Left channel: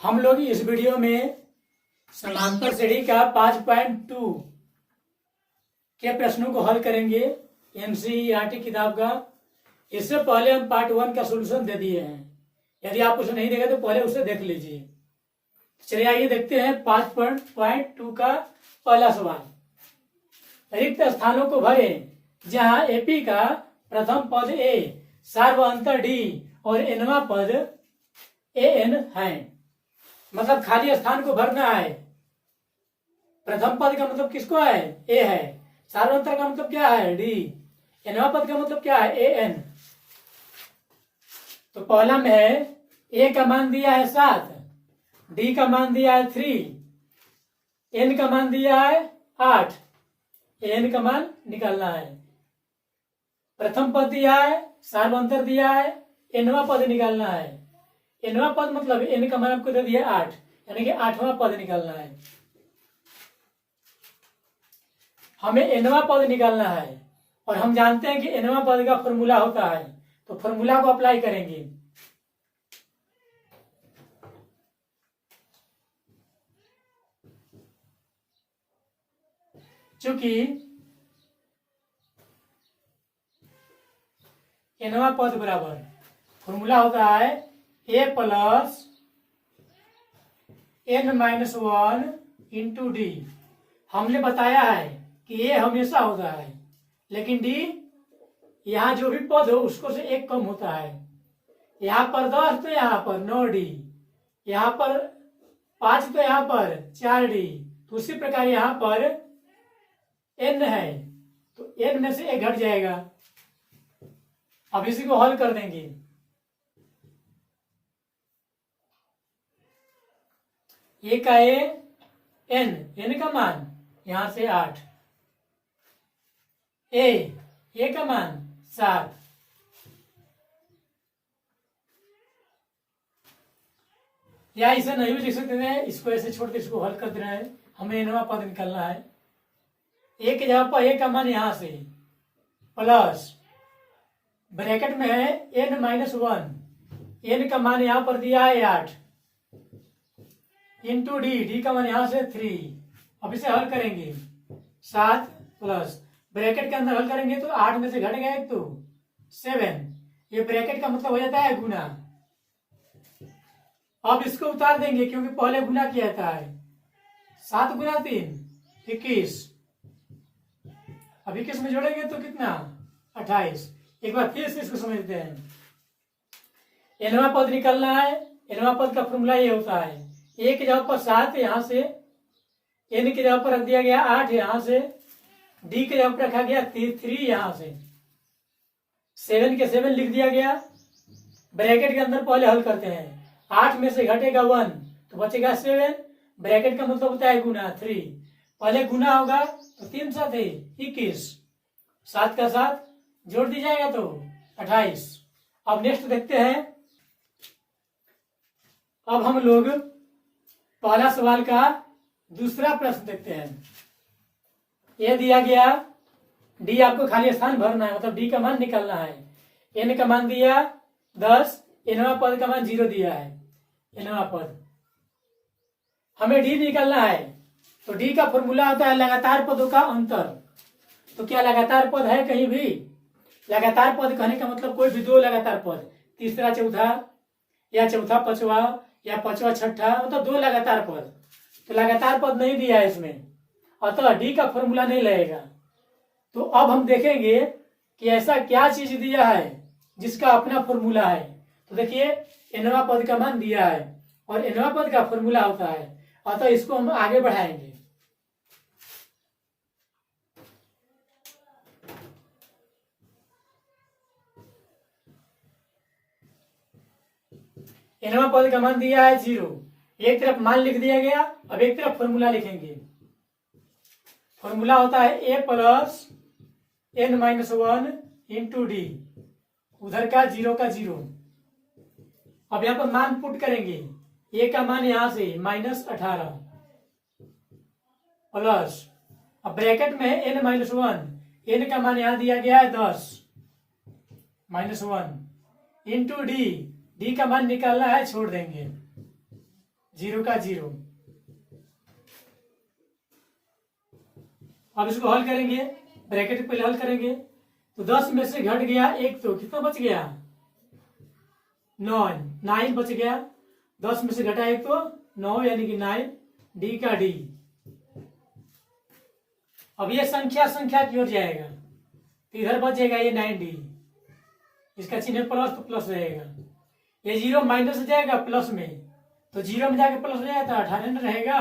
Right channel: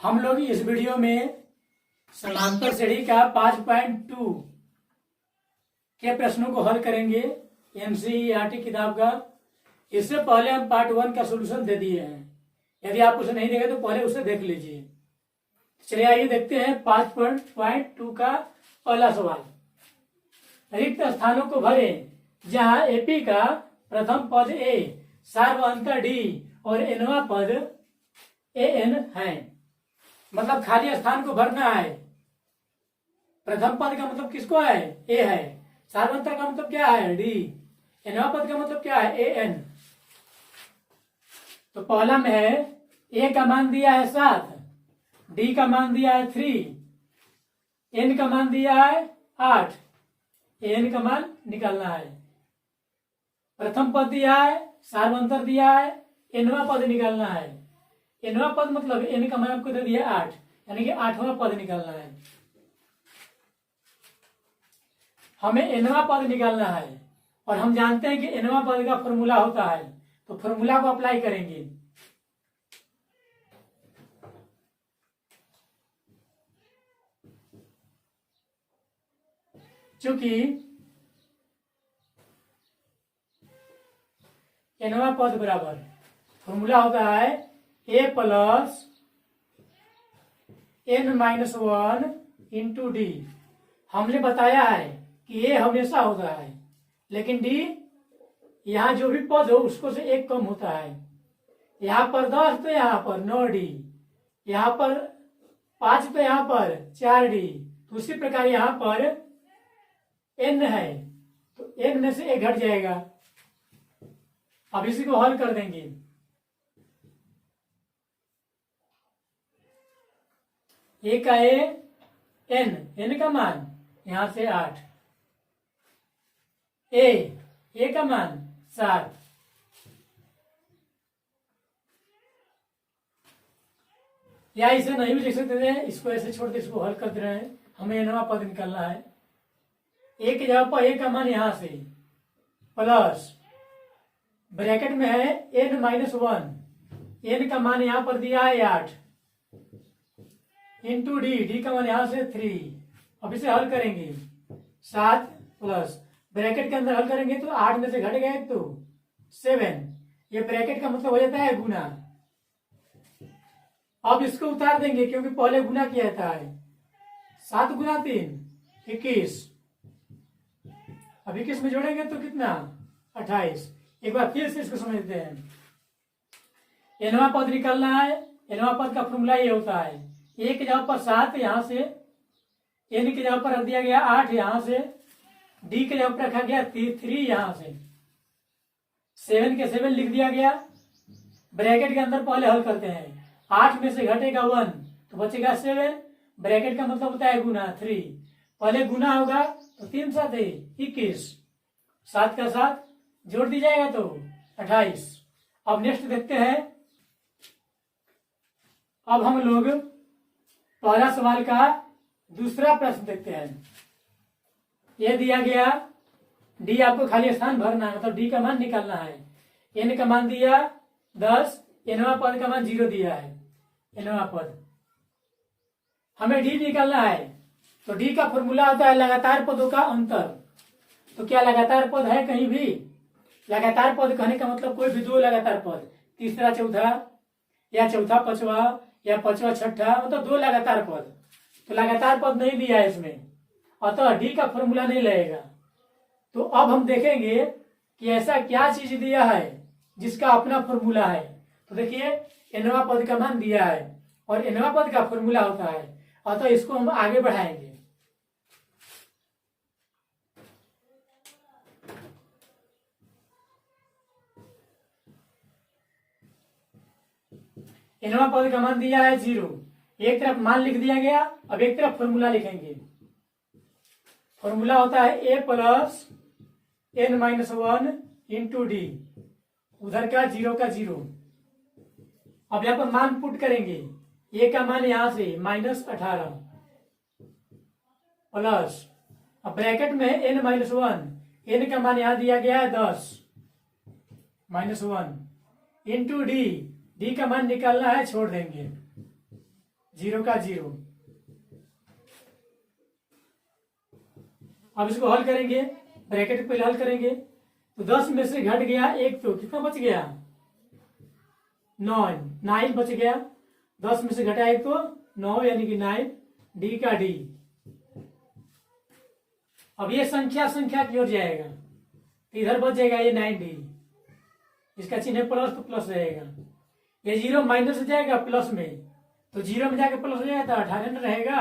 हम लोग इस वीडियो में समांतर श्रेणी का 5.2 के प्रश्नों को हल करेंगे एनसीईआरटी किताब का। इससे पहले हम पार्ट 1 का सॉल्यूशन दे दिए हैं। यदि आप उसे नहीं देखे तो पहले उसे देख लीजिए। चलिए आइए देखते हैं 5.2 का पहला सवाल। रिक्त स्थानों को भरें जहां एपी का प्रथम पद ए, सार्वअंतर डी और एनवा पद एन है। मतलब खाली स्थान को भरना है। प्रथम पद का मतलब किसको है? ए है। सार्वअंतर का मतलब क्या है? डी। एनवा पद का मतलब क्या है? A N. तो पहला में है ए का मान दिया है 7, डी का मान दिया है 3, एन का मान दिया है 8। एन का मान निकालना है। प्रथम पद दिया है, सार्वअंतर दिया है, एनवा पद निकालना है। एनवा पद मतलब एन का मान आपको दे दिया 8, यानी कि 8वां पद निकालना है। हमें एनवा पद निकालना है और हम जानते हैं कि एनवा पद का फॉर्मूला होता है, तो फॉर्मूला को अप्लाई करेंगे। चूंकि एनवा पद बराबर फॉर्मूला होता है A plus N minus 1 into D. हमने बताया है कि ए हमेशा होता है, लेकिन डी यहां जो भी पद हो उसको से एक कम होता है। यहां पर 10 तो यहां पर 9 डी, यहां पर 5 तो यहां पर 4 डी। तो उसी प्रकार यहां पर एन है तो एन में से एक घट जाएगा। अब इसी को हल कर देंगे। ए का एन का मान यहां से 8, ए का मान 7, या इसे नहीं भी लिख सकते थे, इसको ऐसे छोड़ के इसको हल कर दे रहे हैं। हमें एनवा पद निकालना है। ए के जगह पर ए का मान यहां से प्लस ब्रैकेट में है एन माइनस 1, एन का मान यहां पर दिया है 8 इंटू डी, डी का मान यहां से 3। अब इसे हल करेंगे 7 प्लस ब्रैकेट के अंदर हल करेंगे तो 8 में से घट गए तो 7। ये ब्रैकेट का मतलब हो जाता है गुना। अब इसको उतार देंगे क्योंकि पहले गुना किया जाता है। 7 गुना 3 21। अब 21 में जोड़ेंगे तो कितना? 28। एक बार फिर से इसको समझते हैं। एनवा पद निकलना है। एनवा पद का फॉर्मूला ये होता है ए की जगह पर 7 यहां से, एन की जगह पर रख दिया गया 8 यहां से, डी की जगह पर रखा गया 3 यहां से, 7 के 7 लिख दिया गया। ब्रैकेट के अंदर पहले हल करते हैं। 8 में से घटेगा 1 तो बचेगा 7। ब्रैकेट का मतलब होता है गुना 3। पहले गुना होगा तो 3 7 21, 7 का 7 जोड़ दी जाएगा तो 28। अब नेक्स्ट देखते हैं। अब हम लोग पहला सवाल का दूसरा प्रश्न देखते हैं। यह दिया गया डी, आपको खाली स्थान भरना है, मतलब डी का मान निकालना है। एन का मान दिया 10, एनवा पद का मान 0 दिया है। एनवा पद हमें डी निकालना है, तो डी का फॉर्मूला होता है लगातार पदों का अंतर। तो क्या लगातार पद है कहीं भी? लगातार पद कहने का मतलब कोई भी दो लगातार पद, तीसरा चौथा या चौथा पांचवा या पांचवा छठा, मतलब दो लगातार पद। तो लगातार पद नहीं दिया है इसमें, अतः डी का फॉर्मूला नहीं लगेगा। तो अब हम देखेंगे कि ऐसा क्या चीज दिया है जिसका अपना फॉर्मूला है। तो देखिए एनवा पद का मान दिया है और एनवा पद का फॉर्मूला होता है, अतः इसको हम आगे बढ़ाएंगे। एनवा पद का मान दिया है 0। एक तरफ मान लिख दिया गया, अब एक तरफ फॉर्मूला लिखेंगे। फॉर्मूला होता है A plus N minus 1 into D, उधर का 0 का 0। अब यहां पर मान पुट करेंगे। ए का मान यहां से -18 प्लस, अब ब्रैकेट में एन माइनस 1, एन का मान यहां दिया गया है 10 -1 इंटू डी, डी का मान निकालना है, छोड़ देंगे 0 का 0। अब इसको हल करेंगे, ब्रैकेट पहले हल करेंगे तो 10 में से घट गया 1, तो कितना बच गया 9 बच गया। 10 में से घटा 1 तो 9 यानी कि 9, डी का डी। अब ये संख्या की ओर जाएगा तो इधर बच जाएगा ये 9D, इसका चिन्ह प्लस तो प्लस रहेगा। ये 0 माइनस हो जाएगा प्लस में, तो 0 में जाके प्लस हो जाएगा तो 18 में रहेगा।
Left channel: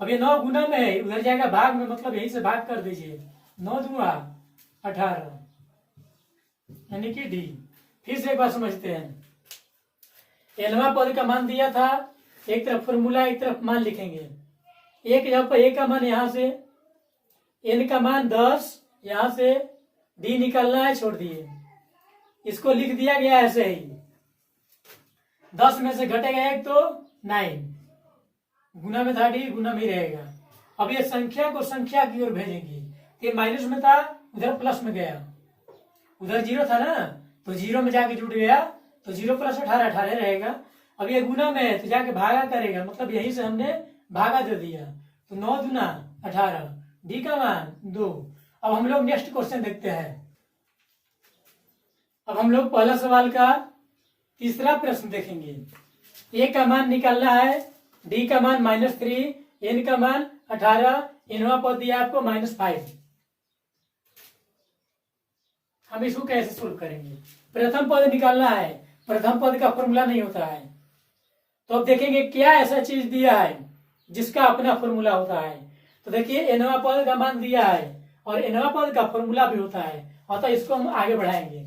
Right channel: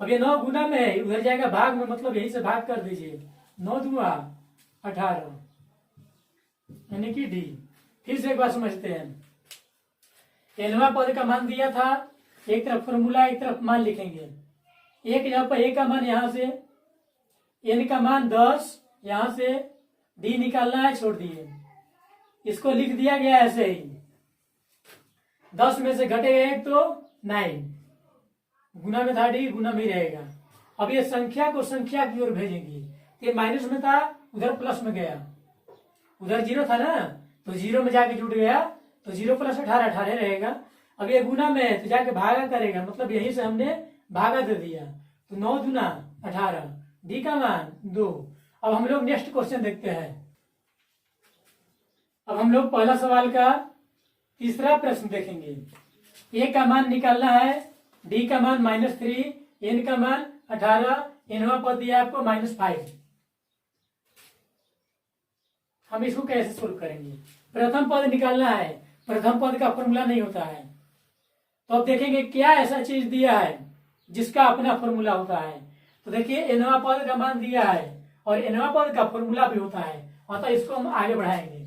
अब ये 9 गुना में है, उधर जाएगा भाग में, मतलब यही से भाग कर दीजिए। 9 दूंगा 18 यानी कि डी। फिर से एक बार समझते हैं। nवां पद का मान दिया था, एक तरफ फॉर्मूला एक तरफ मान लिखेंगे। एक यहाँ पर a का मान यहां से, n का मान 10, यहां से d निकालना है, छोड़ दिए। इसको लिख दिया गया ऐसे ही। 10 में से घटेगा 1 तो 9, गुना में था d, गुना में ही रहेगा। अब ये संख्या को संख्या की ओर भेजेंगे। ये माइनस में था, उधर प्लस में गया, उधर 0 था ना, तो 0 में जाके जुड़ गया, तो 0 प्लस 18 18 रहेगा। अब ये गुना में है तो जाके भागा करेगा, मतलब यहीं से हमने भागा दे दिया, तो 9 दूना 18, डी का मान 2। अब हम लोग नेक्स्ट क्वेश्चन देखते हैं। अब हम लोग पहला सवाल का तीसरा प्रश्न देखेंगे। ए का मान निकालना है, डी का मान -3, एन का मान 18, इनवा पद दिया आपको -5। हम इसको कैसे सोल्व करेंगे? प्रथम पद निकालना है, प्रथम पद का फॉर्मूला नहीं होता है। तो अब देखेंगे क्या ऐसा चीज दिया है जिसका अपना फॉर्मूला होता है। तो देखिए एनवा पद का मान दिया है और एनवा पद का फॉर्मूला भी होता है, अतः इसको हम आगे बढ़ाएंगे।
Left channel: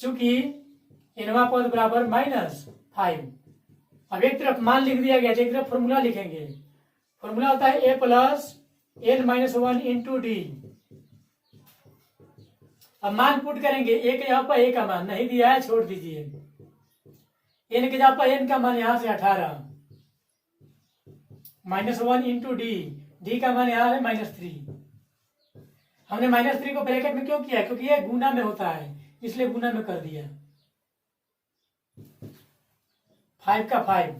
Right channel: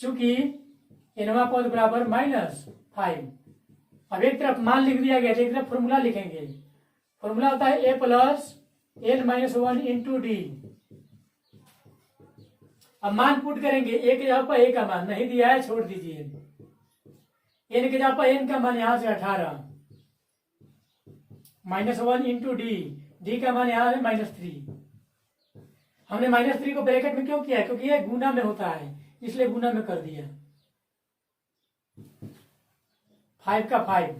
चूंकि एनवा पद बराबर -5। अब एक तरफ मान लिख दिया गया, एक तरफ फॉर्मूला लिखेंगे। फॉर्मूला होता है a plus n-1 into D. अब मान पुट करेंगे, a के जगह पर a का मान नहीं दिया है, छोड़ दीजिए। n के जगह पर n का मान यहां से 18, -1 इंटू डी, डी का मान यहां है -3। हमने -3 को ब्रैकेट में क्यों किया? क्योंकि ये गुना में होता है, इसलिए गुना में कर दिया। 5 का 5,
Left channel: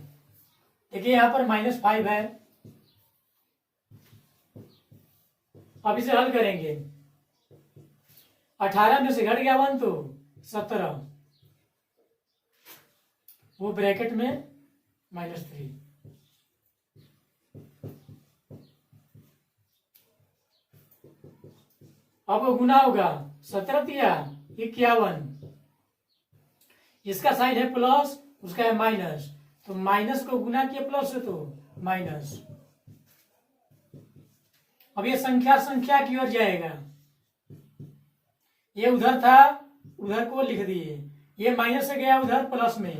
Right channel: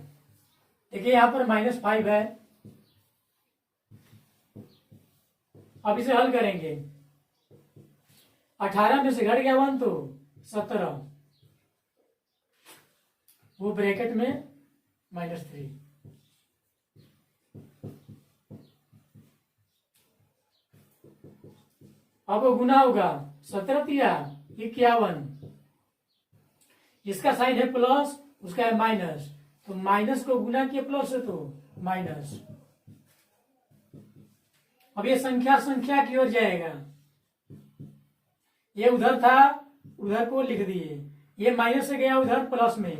देखिए यहां पर -5 है। अब इसे हल करेंगे, 18 में से घट गया 1 तो 17, वो ब्रैकेट में -3। अब वो गुना होगा, 17 तिया 51, इसका साइन है प्लस, उसका है माइनस, तो माइनस को गुना किया प्लस से तो माइनस। अब ये संख्या की ओर जाएगा। ये उधर था, उधर को लिख दिए, ये माइनस से गया उधर प्लस में।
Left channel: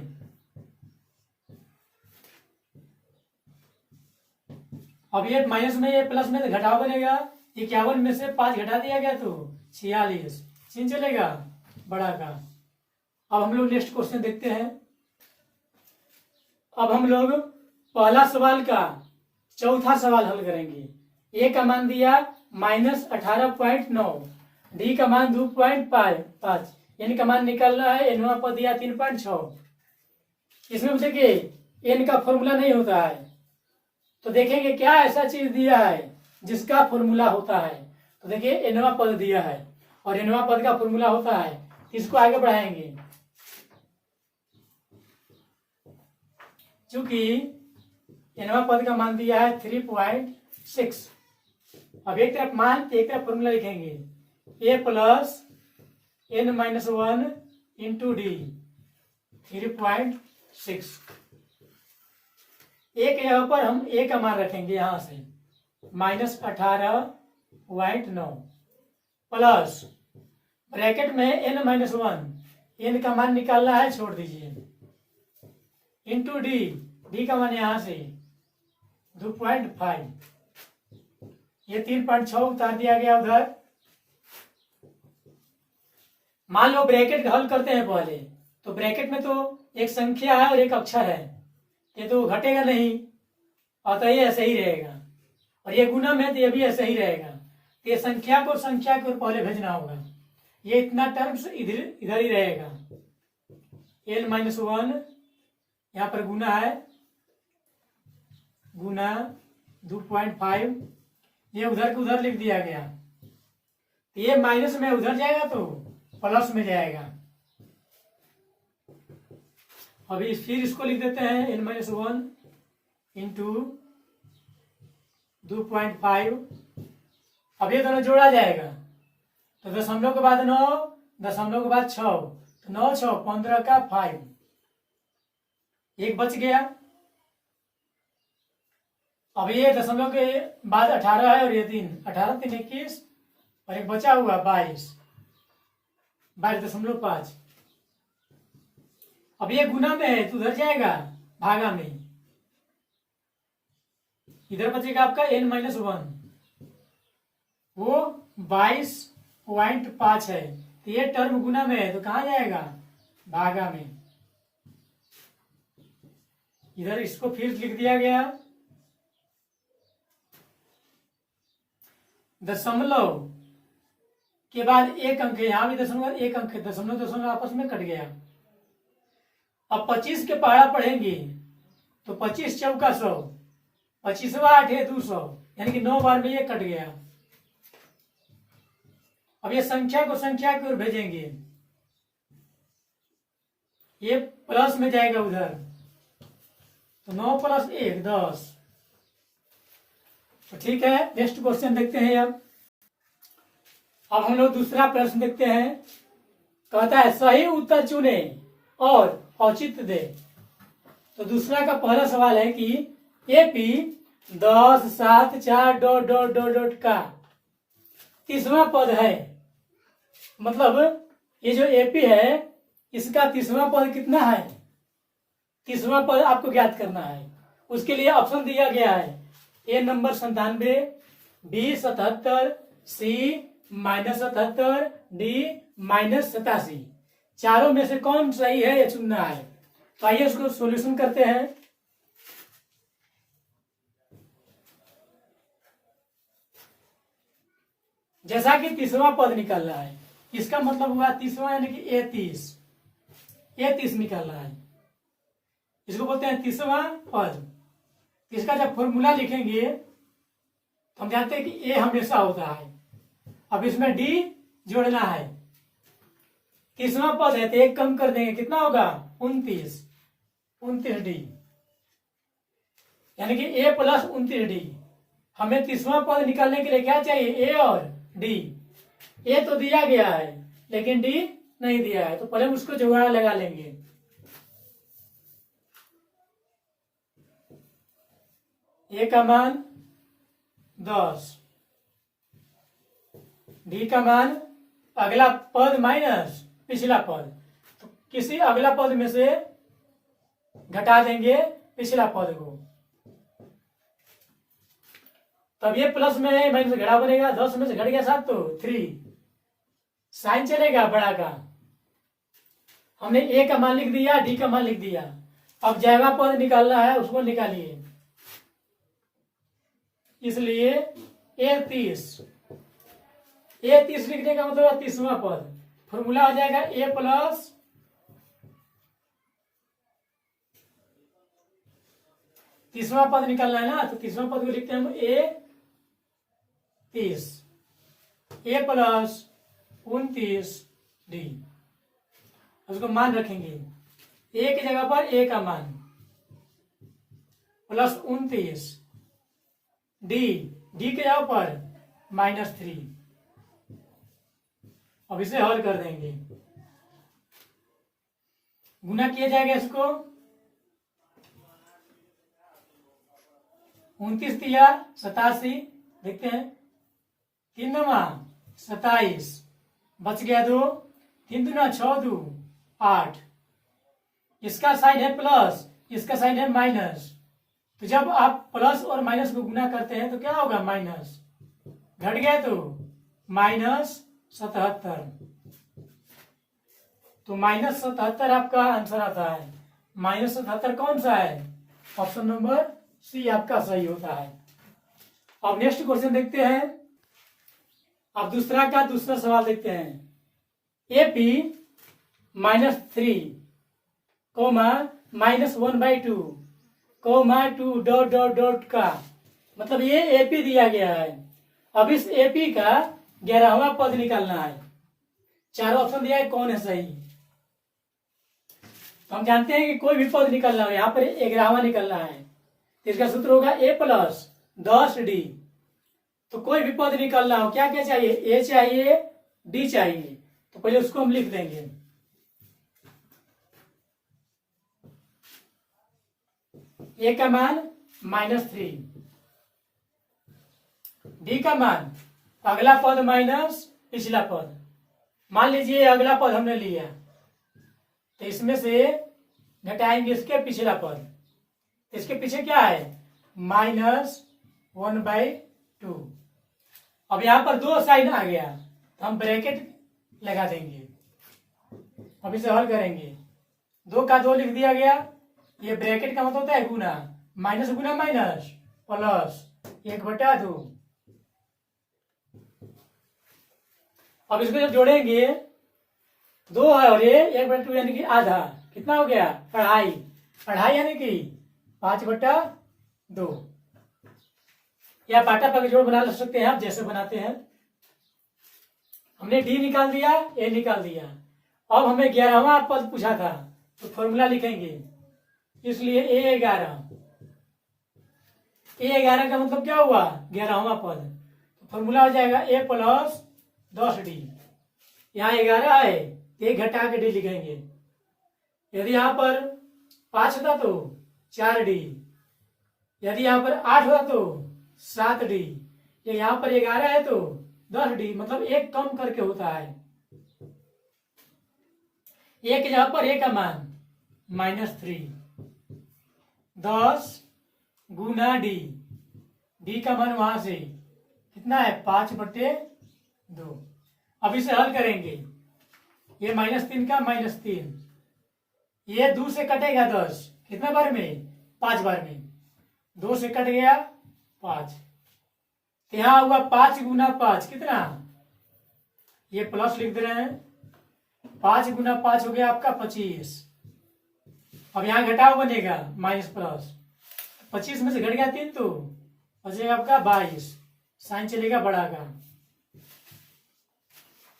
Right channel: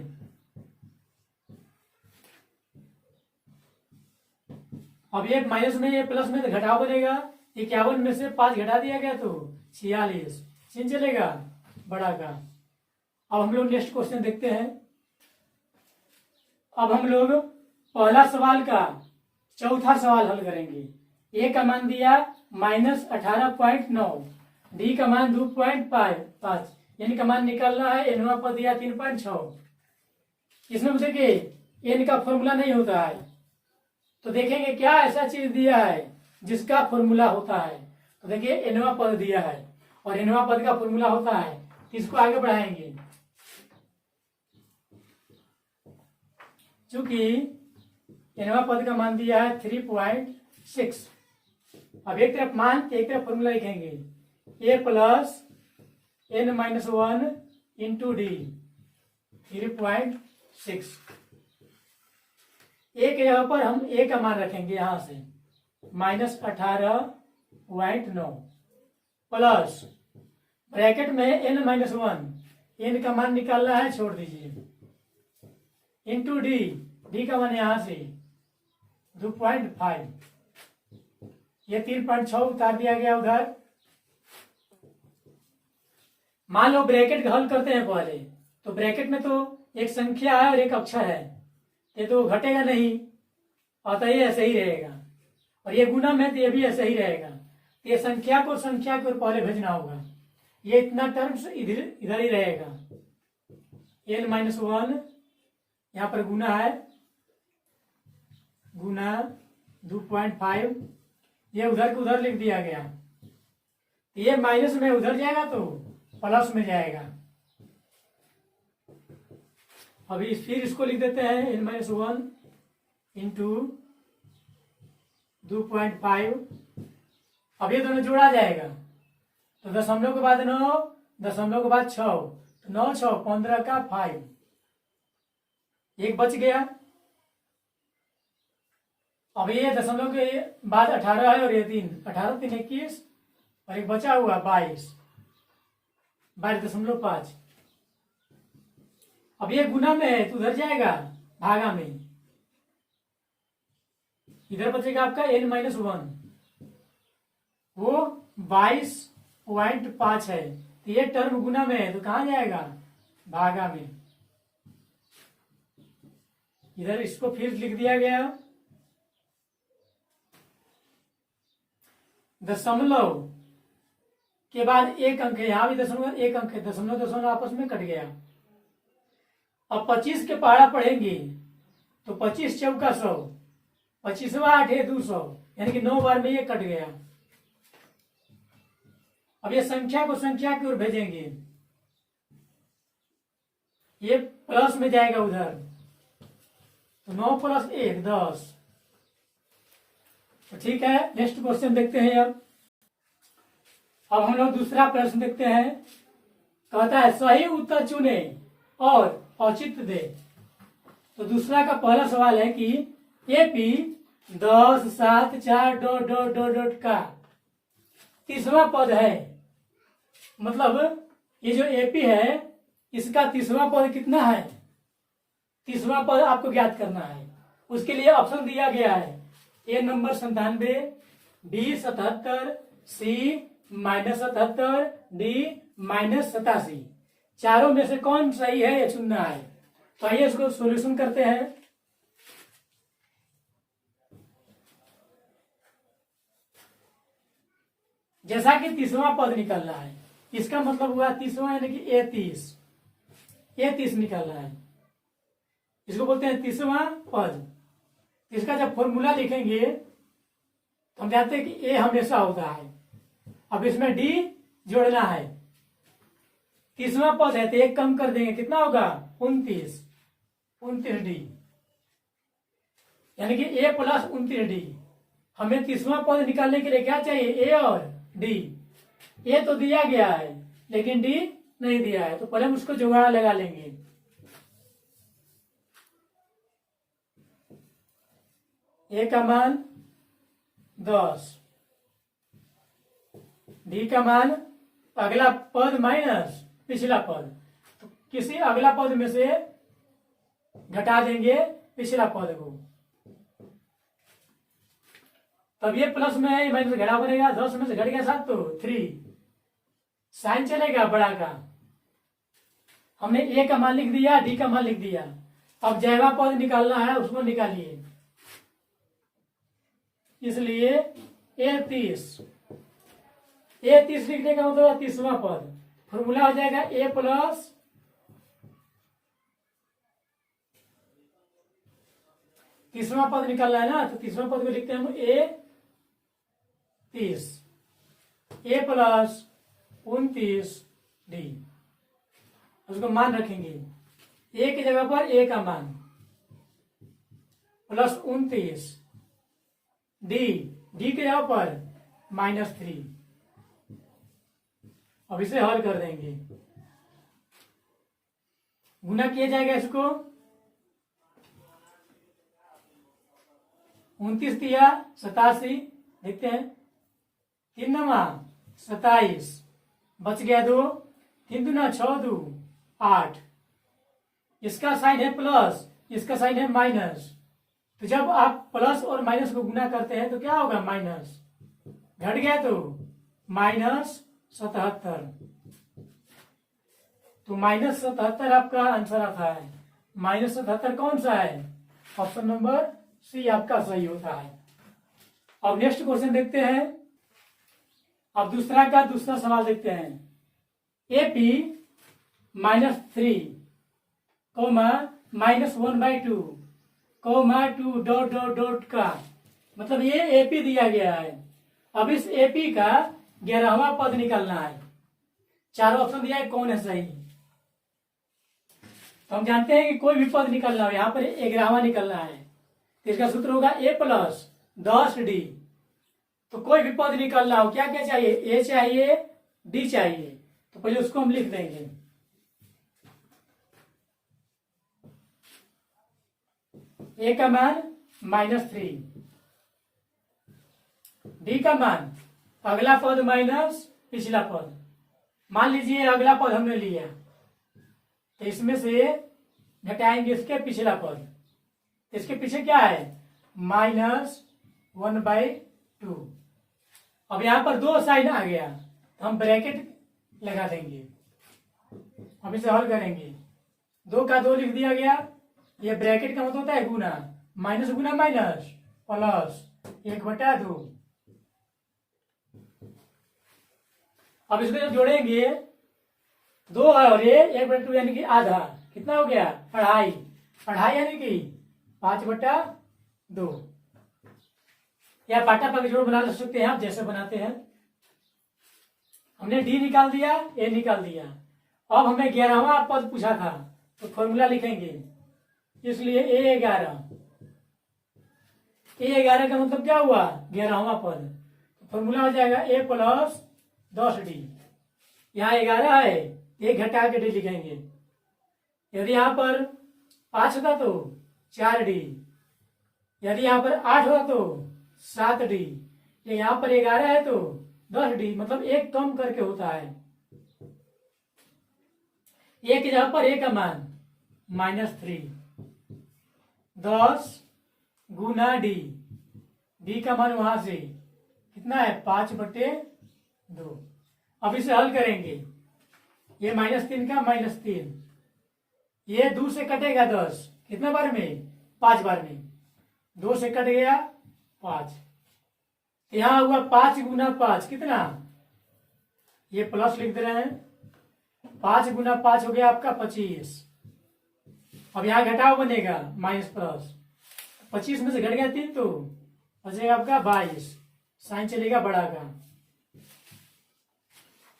अब ये माइनस में ये प्लस में तो घटाव बनेगा। 51 में से 5 घटा दिया गया तो 46, चिन्ह चलेगा बड़ा का। अब हम लोग नेक्स्ट क्वेश्चन देखते हैं। अब हम लोग पहला सवाल का चौथा सवाल हल करेंगे। ए का मान दिया -18.9, डी का मान 2.5, एन का मान निकालना है, एनवा पद दिया 3.6। इसमें देखिए एन का फॉर्मूला नहीं होता है, तो देखेंगे क्या ऐसा चीज दिया है जिसका फॉर्मूला होता है। तो देखिए एनवा पद दिया है और एनवा पद का फॉर्मूला होता है, इसको आगे बढ़ाएंगे। चूंकि एनवा पद का मान दिया है 3.6। अब एक तरफ मान एक तरफ फॉर्मूला लिखेंगे, a plus n-1 into D 3.6। ए के जगह पर हम a का मान रखेंगे यहां से -18.9 प्लस ब्रैकेट में n-1, n का मान निकालना है, छोड़ दीजिए, इंटू डी, डी का मान यहां से 2.5, ये 3.6 उतार दिया गया उधर। मान लो ब्रैकेट हल करते हैं पहले, तो ब्रैकेट में तो एक संख्या है और एक अक्षर है, ये तो घटेगा नहीं, अतः ये ऐसे ही रहेगा। और ये गुना में तो ये भी ऐसे ही रहेगा। तो ये संख्या को संख्या की ओर पहले भेजना होगा, ये इतना टर्म्स इधर ही रहेगा। n-1 यहाँ पर गुना है, गुना 2.5, ये उधर को उधर लिख दिया गया, ये माइनस में उधर जाएगा तो प्लस में जाएगा। अभी फिर इसको लिख देते हैं n-1 इंटू 2.5। अब ये दोनों जोड़ा जाएगा तो दशमलव के बाद 9, दशमलव के बाद 6, तो 9 6 15 का 5, एक बच गया। अब ये दशमलव के बाद 18 है और ये 3, 18 3 21 और एक बचा हुआ 22, 22.5। अब ये गुना में है तो उधर जाएगा भागा में, इधर बचेगा आपका n-1, वो 22.5 है, तो ये टर्म गुना में है तो कहां जाएगा भागा में। इधर इसको फिर लिख दिया गया, दशमलव के बाद एक अंक है, यहां भी दशमलव एक अंक है, दशमलव दशमलव आपस में कट गया। अब 25 के पहाड़ा पढ़ेंगे तो 25 चौका 100, 25वां 8 है 200, यानी कि 9 बार में ये कट गया। अब ये संख्या को संख्या की ओर भेजेंगे, ये प्लस में जाएगा उधर, तो 9 + 1 10। तो ठीक है, नेक्स्ट क्वेश्चन देखते हैं। अब हम लोग दूसरा प्रश्न देखते हैं। कहता है सही उत्तर चुने और औचित्य दे। तो दूसरा का पहला सवाल है कि एपी 10 7 4 ... का तीसरा पद है, मतलब ये जो एपी है इसका तीसरा पद कितना है, तीसरा पद आपको ज्ञात करना है। उसके लिए ऑप्शन दिया गया है, ए नंबर 97, बी 77, सी -77, डी -87। चारों में से कौन सही है ये चुनना है। तो आइए इसको सॉल्यूशन करते हैं। जैसा कि तीसरा पद निकल रहा है, इसका मतलब हुआ तीसरा यानी कि ए30 निकल रहा है, इसको बोलते हैं तीसरा पद। इसका जब फॉर्मूला लिखेंगे तो हम जानते हैं कि ए हमेशा होता है। अब इसमें डी जोड़ना है, तीसरा पद है तो एक कम कर देंगे, कितना होगा 29 डी, यानी कि ए + 29 डी। हमें तीसरा पद निकालने के लिए क्या चाहिए, ए और डी। ए तो दिया गया है लेकिन डी नहीं दिया है, तो पहले हम उसको जुगाड़ लगा लेंगे। ए का मान 10, डी का मान अगला पद माइनस पिछला पद, तो किसी अगला पद में से घटा देंगे पिछला पद को, तब ये प्लस में है, माइनस घटा बनेगा। 10 में से घट गया 7 तो 3, साइन चलेगा बड़ा का। हमने ए का मान लिख दिया, डी का मान लिख दिया। अब जैवा पद निकालना है, उसको निकालिए। इसलिए ए30 लिखने का मतलब तीसरा पद, फॉर्मूला हो जाएगा ए + तीसरा पद निकालना है ना, तो तीसरा पद को लिखते हैं हम ए30, ए + 29 डी। उसको मान रखेंगे, ए की जगह पर ए का मान + 29, डी की जगह पर -3। अब इसे हल कर देंगे, गुना किया जाएगा इसको, 29 दिया 87, देखते हैं 3 × 27, बच गया 2, 3 दूना 6 2 8। इसका साइन है प्लस, इसका साइन है माइनस, तो जब आप प्लस और माइनस को गुना करते हैं तो क्या होगा, माइनस। घट गया तो -77, तो -77 आपका आंसर आता है। -77 कौन सा है, ऑप्शन नंबर सी आपका सही होता है। अब नेक्स्ट क्वेश्चन देखते हैं। अब दूसरा सवाल देखते हैं। AP -3 comma -1/2 comma 2 dot dot dot का मतलब ये एपी दिया गया है। अब इस एपी का 11वां पद निकालना है। चारों ऑप्शन दिया है, कौन है सही। तो हम जानते हैं कि कोई भी पद निकालना हो, यहाँ पर 11वां निकालना है तो इसका सूत्र होगा a + 10d। तो कोई भी पद निकालना हो, क्या क्या चाहिए, ए चाहिए, डी चाहिए। तो पहले उसको हम लिख देंगे। ए का मान -3, डी का मान अगला पद माइनस पिछला पद। मान लीजिए अगला पद हमने लिया तो इसमें से घटाएंगे इसके पिछला पद। इसके पीछे क्या है, -1/2। अब यहां पर 2 साइन आ गया तो हम ब्रैकेट लगा देंगे। अब इसे हल करेंगे, 2 का 2 लिख दिया गया। ये ब्रैकेट का मतलब होता है गुना, माइनस गुना माइनस प्लस 1/2। अब इसको जब जोड़ेंगे 2 है और ये 1/2 यानी कि आधा, कितना हो गया, 2.5 यानी कि 5/2। या पाटा पर जोड़ बना सकते हैं आप, जैसे बनाते हैं। हमने डी निकाल दिया, ए निकाल दिया। अब हमें 11वां पद पूछा था तो फॉर्मूला लिखेंगे, इसलिए A11। A11 का मतलब क्या हुआ, 11वां पद। तो फॉर्मूला हो जाएगा A + 10d। यहाँ 11 है, 1 घटा के डी लिखेंगे। यदि यहाँ पर 5 होता तो 4d, यदि यहाँ पर 8 होता तो 7d, यहाँ पर 11 है तो 10d, मतलब 1 कम करके होता है। एक जगह पर ए का मान -3, 10 गुना डी, डी का मान वहां से कितना है, 5/2। अब इसे हल करेंगे, ये -3 का -3, ये 2 से कटेगा 10, कितने बार में, 5 बार में। 2 से कट गया 5, यहां हुआ 5 गुना 5 कितना, ये प्लस लिख दे रहे हैं। 5 गुना 5 हो गया आपका 25। अब यहाँ घटाव बनेगा माइनस प्लस, 25 में से घट गया 3 तो बचेगा आपका 22, साइन चलेगा बड़ा का।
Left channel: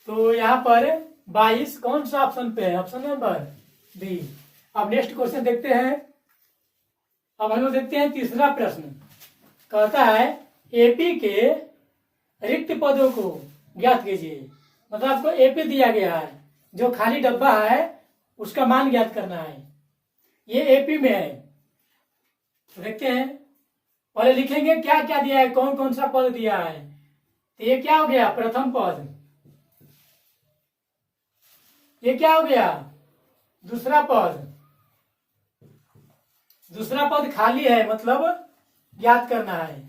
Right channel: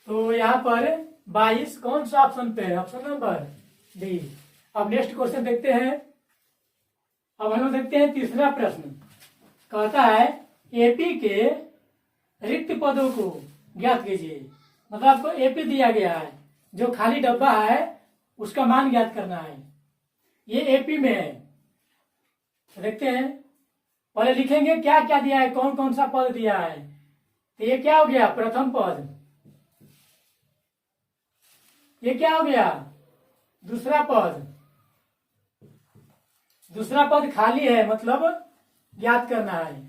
तो यहाँ पर 22 कौन सा ऑप्शन पे है, ऑप्शन नंबर डी। अब नेक्स्ट क्वेश्चन देखते हैं। अब हम लोग देखते हैं तीसरा प्रश्न। कहता है एपी के रिक्त पदों को ज्ञात कीजिए। मतलब आपको एपी दिया गया है, जो खाली डब्बा है उसका मान ज्ञात करना है। ये एपी में है, तो देखते हैं। पहले लिखेंगे क्या क्या दिया है, कौन कौन सा पद दिया है। तो ये क्या हो गया, प्रथम पद। ये क्या हो गया, दूसरा पद। दूसरा पद खाली है, मतलब ज्ञात करना है।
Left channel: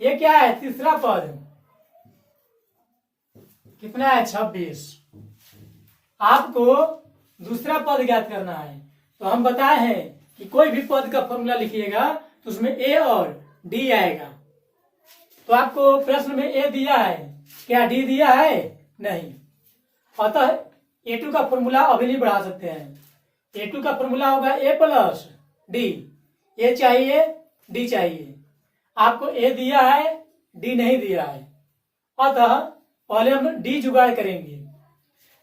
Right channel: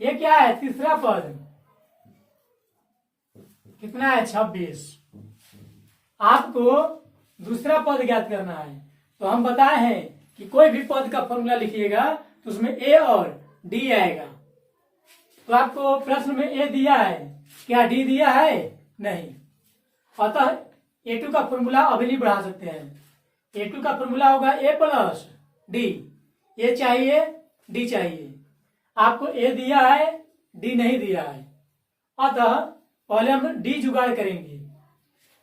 ये क्या है, तीसरा पद। कितना है, 26। आपको दूसरा पद ज्ञात करना है। तो हम बताए हैं कि कोई भी पद का फॉर्मूला लिखिएगा तो उसमें ए और डी आएगा। तो आपको प्रश्न में ए दिया है, क्या डी दिया है, नहीं। अतः A2 का फॉर्मूला अभी नहीं बढ़ा सकते हैं। A2 का फॉर्मूला होगा A + D। ए चाहिए, डी चाहिए। आपको ए दिया है, डी नहीं दिया है, अतः पहले हम डी जुगाड़ करेंगे।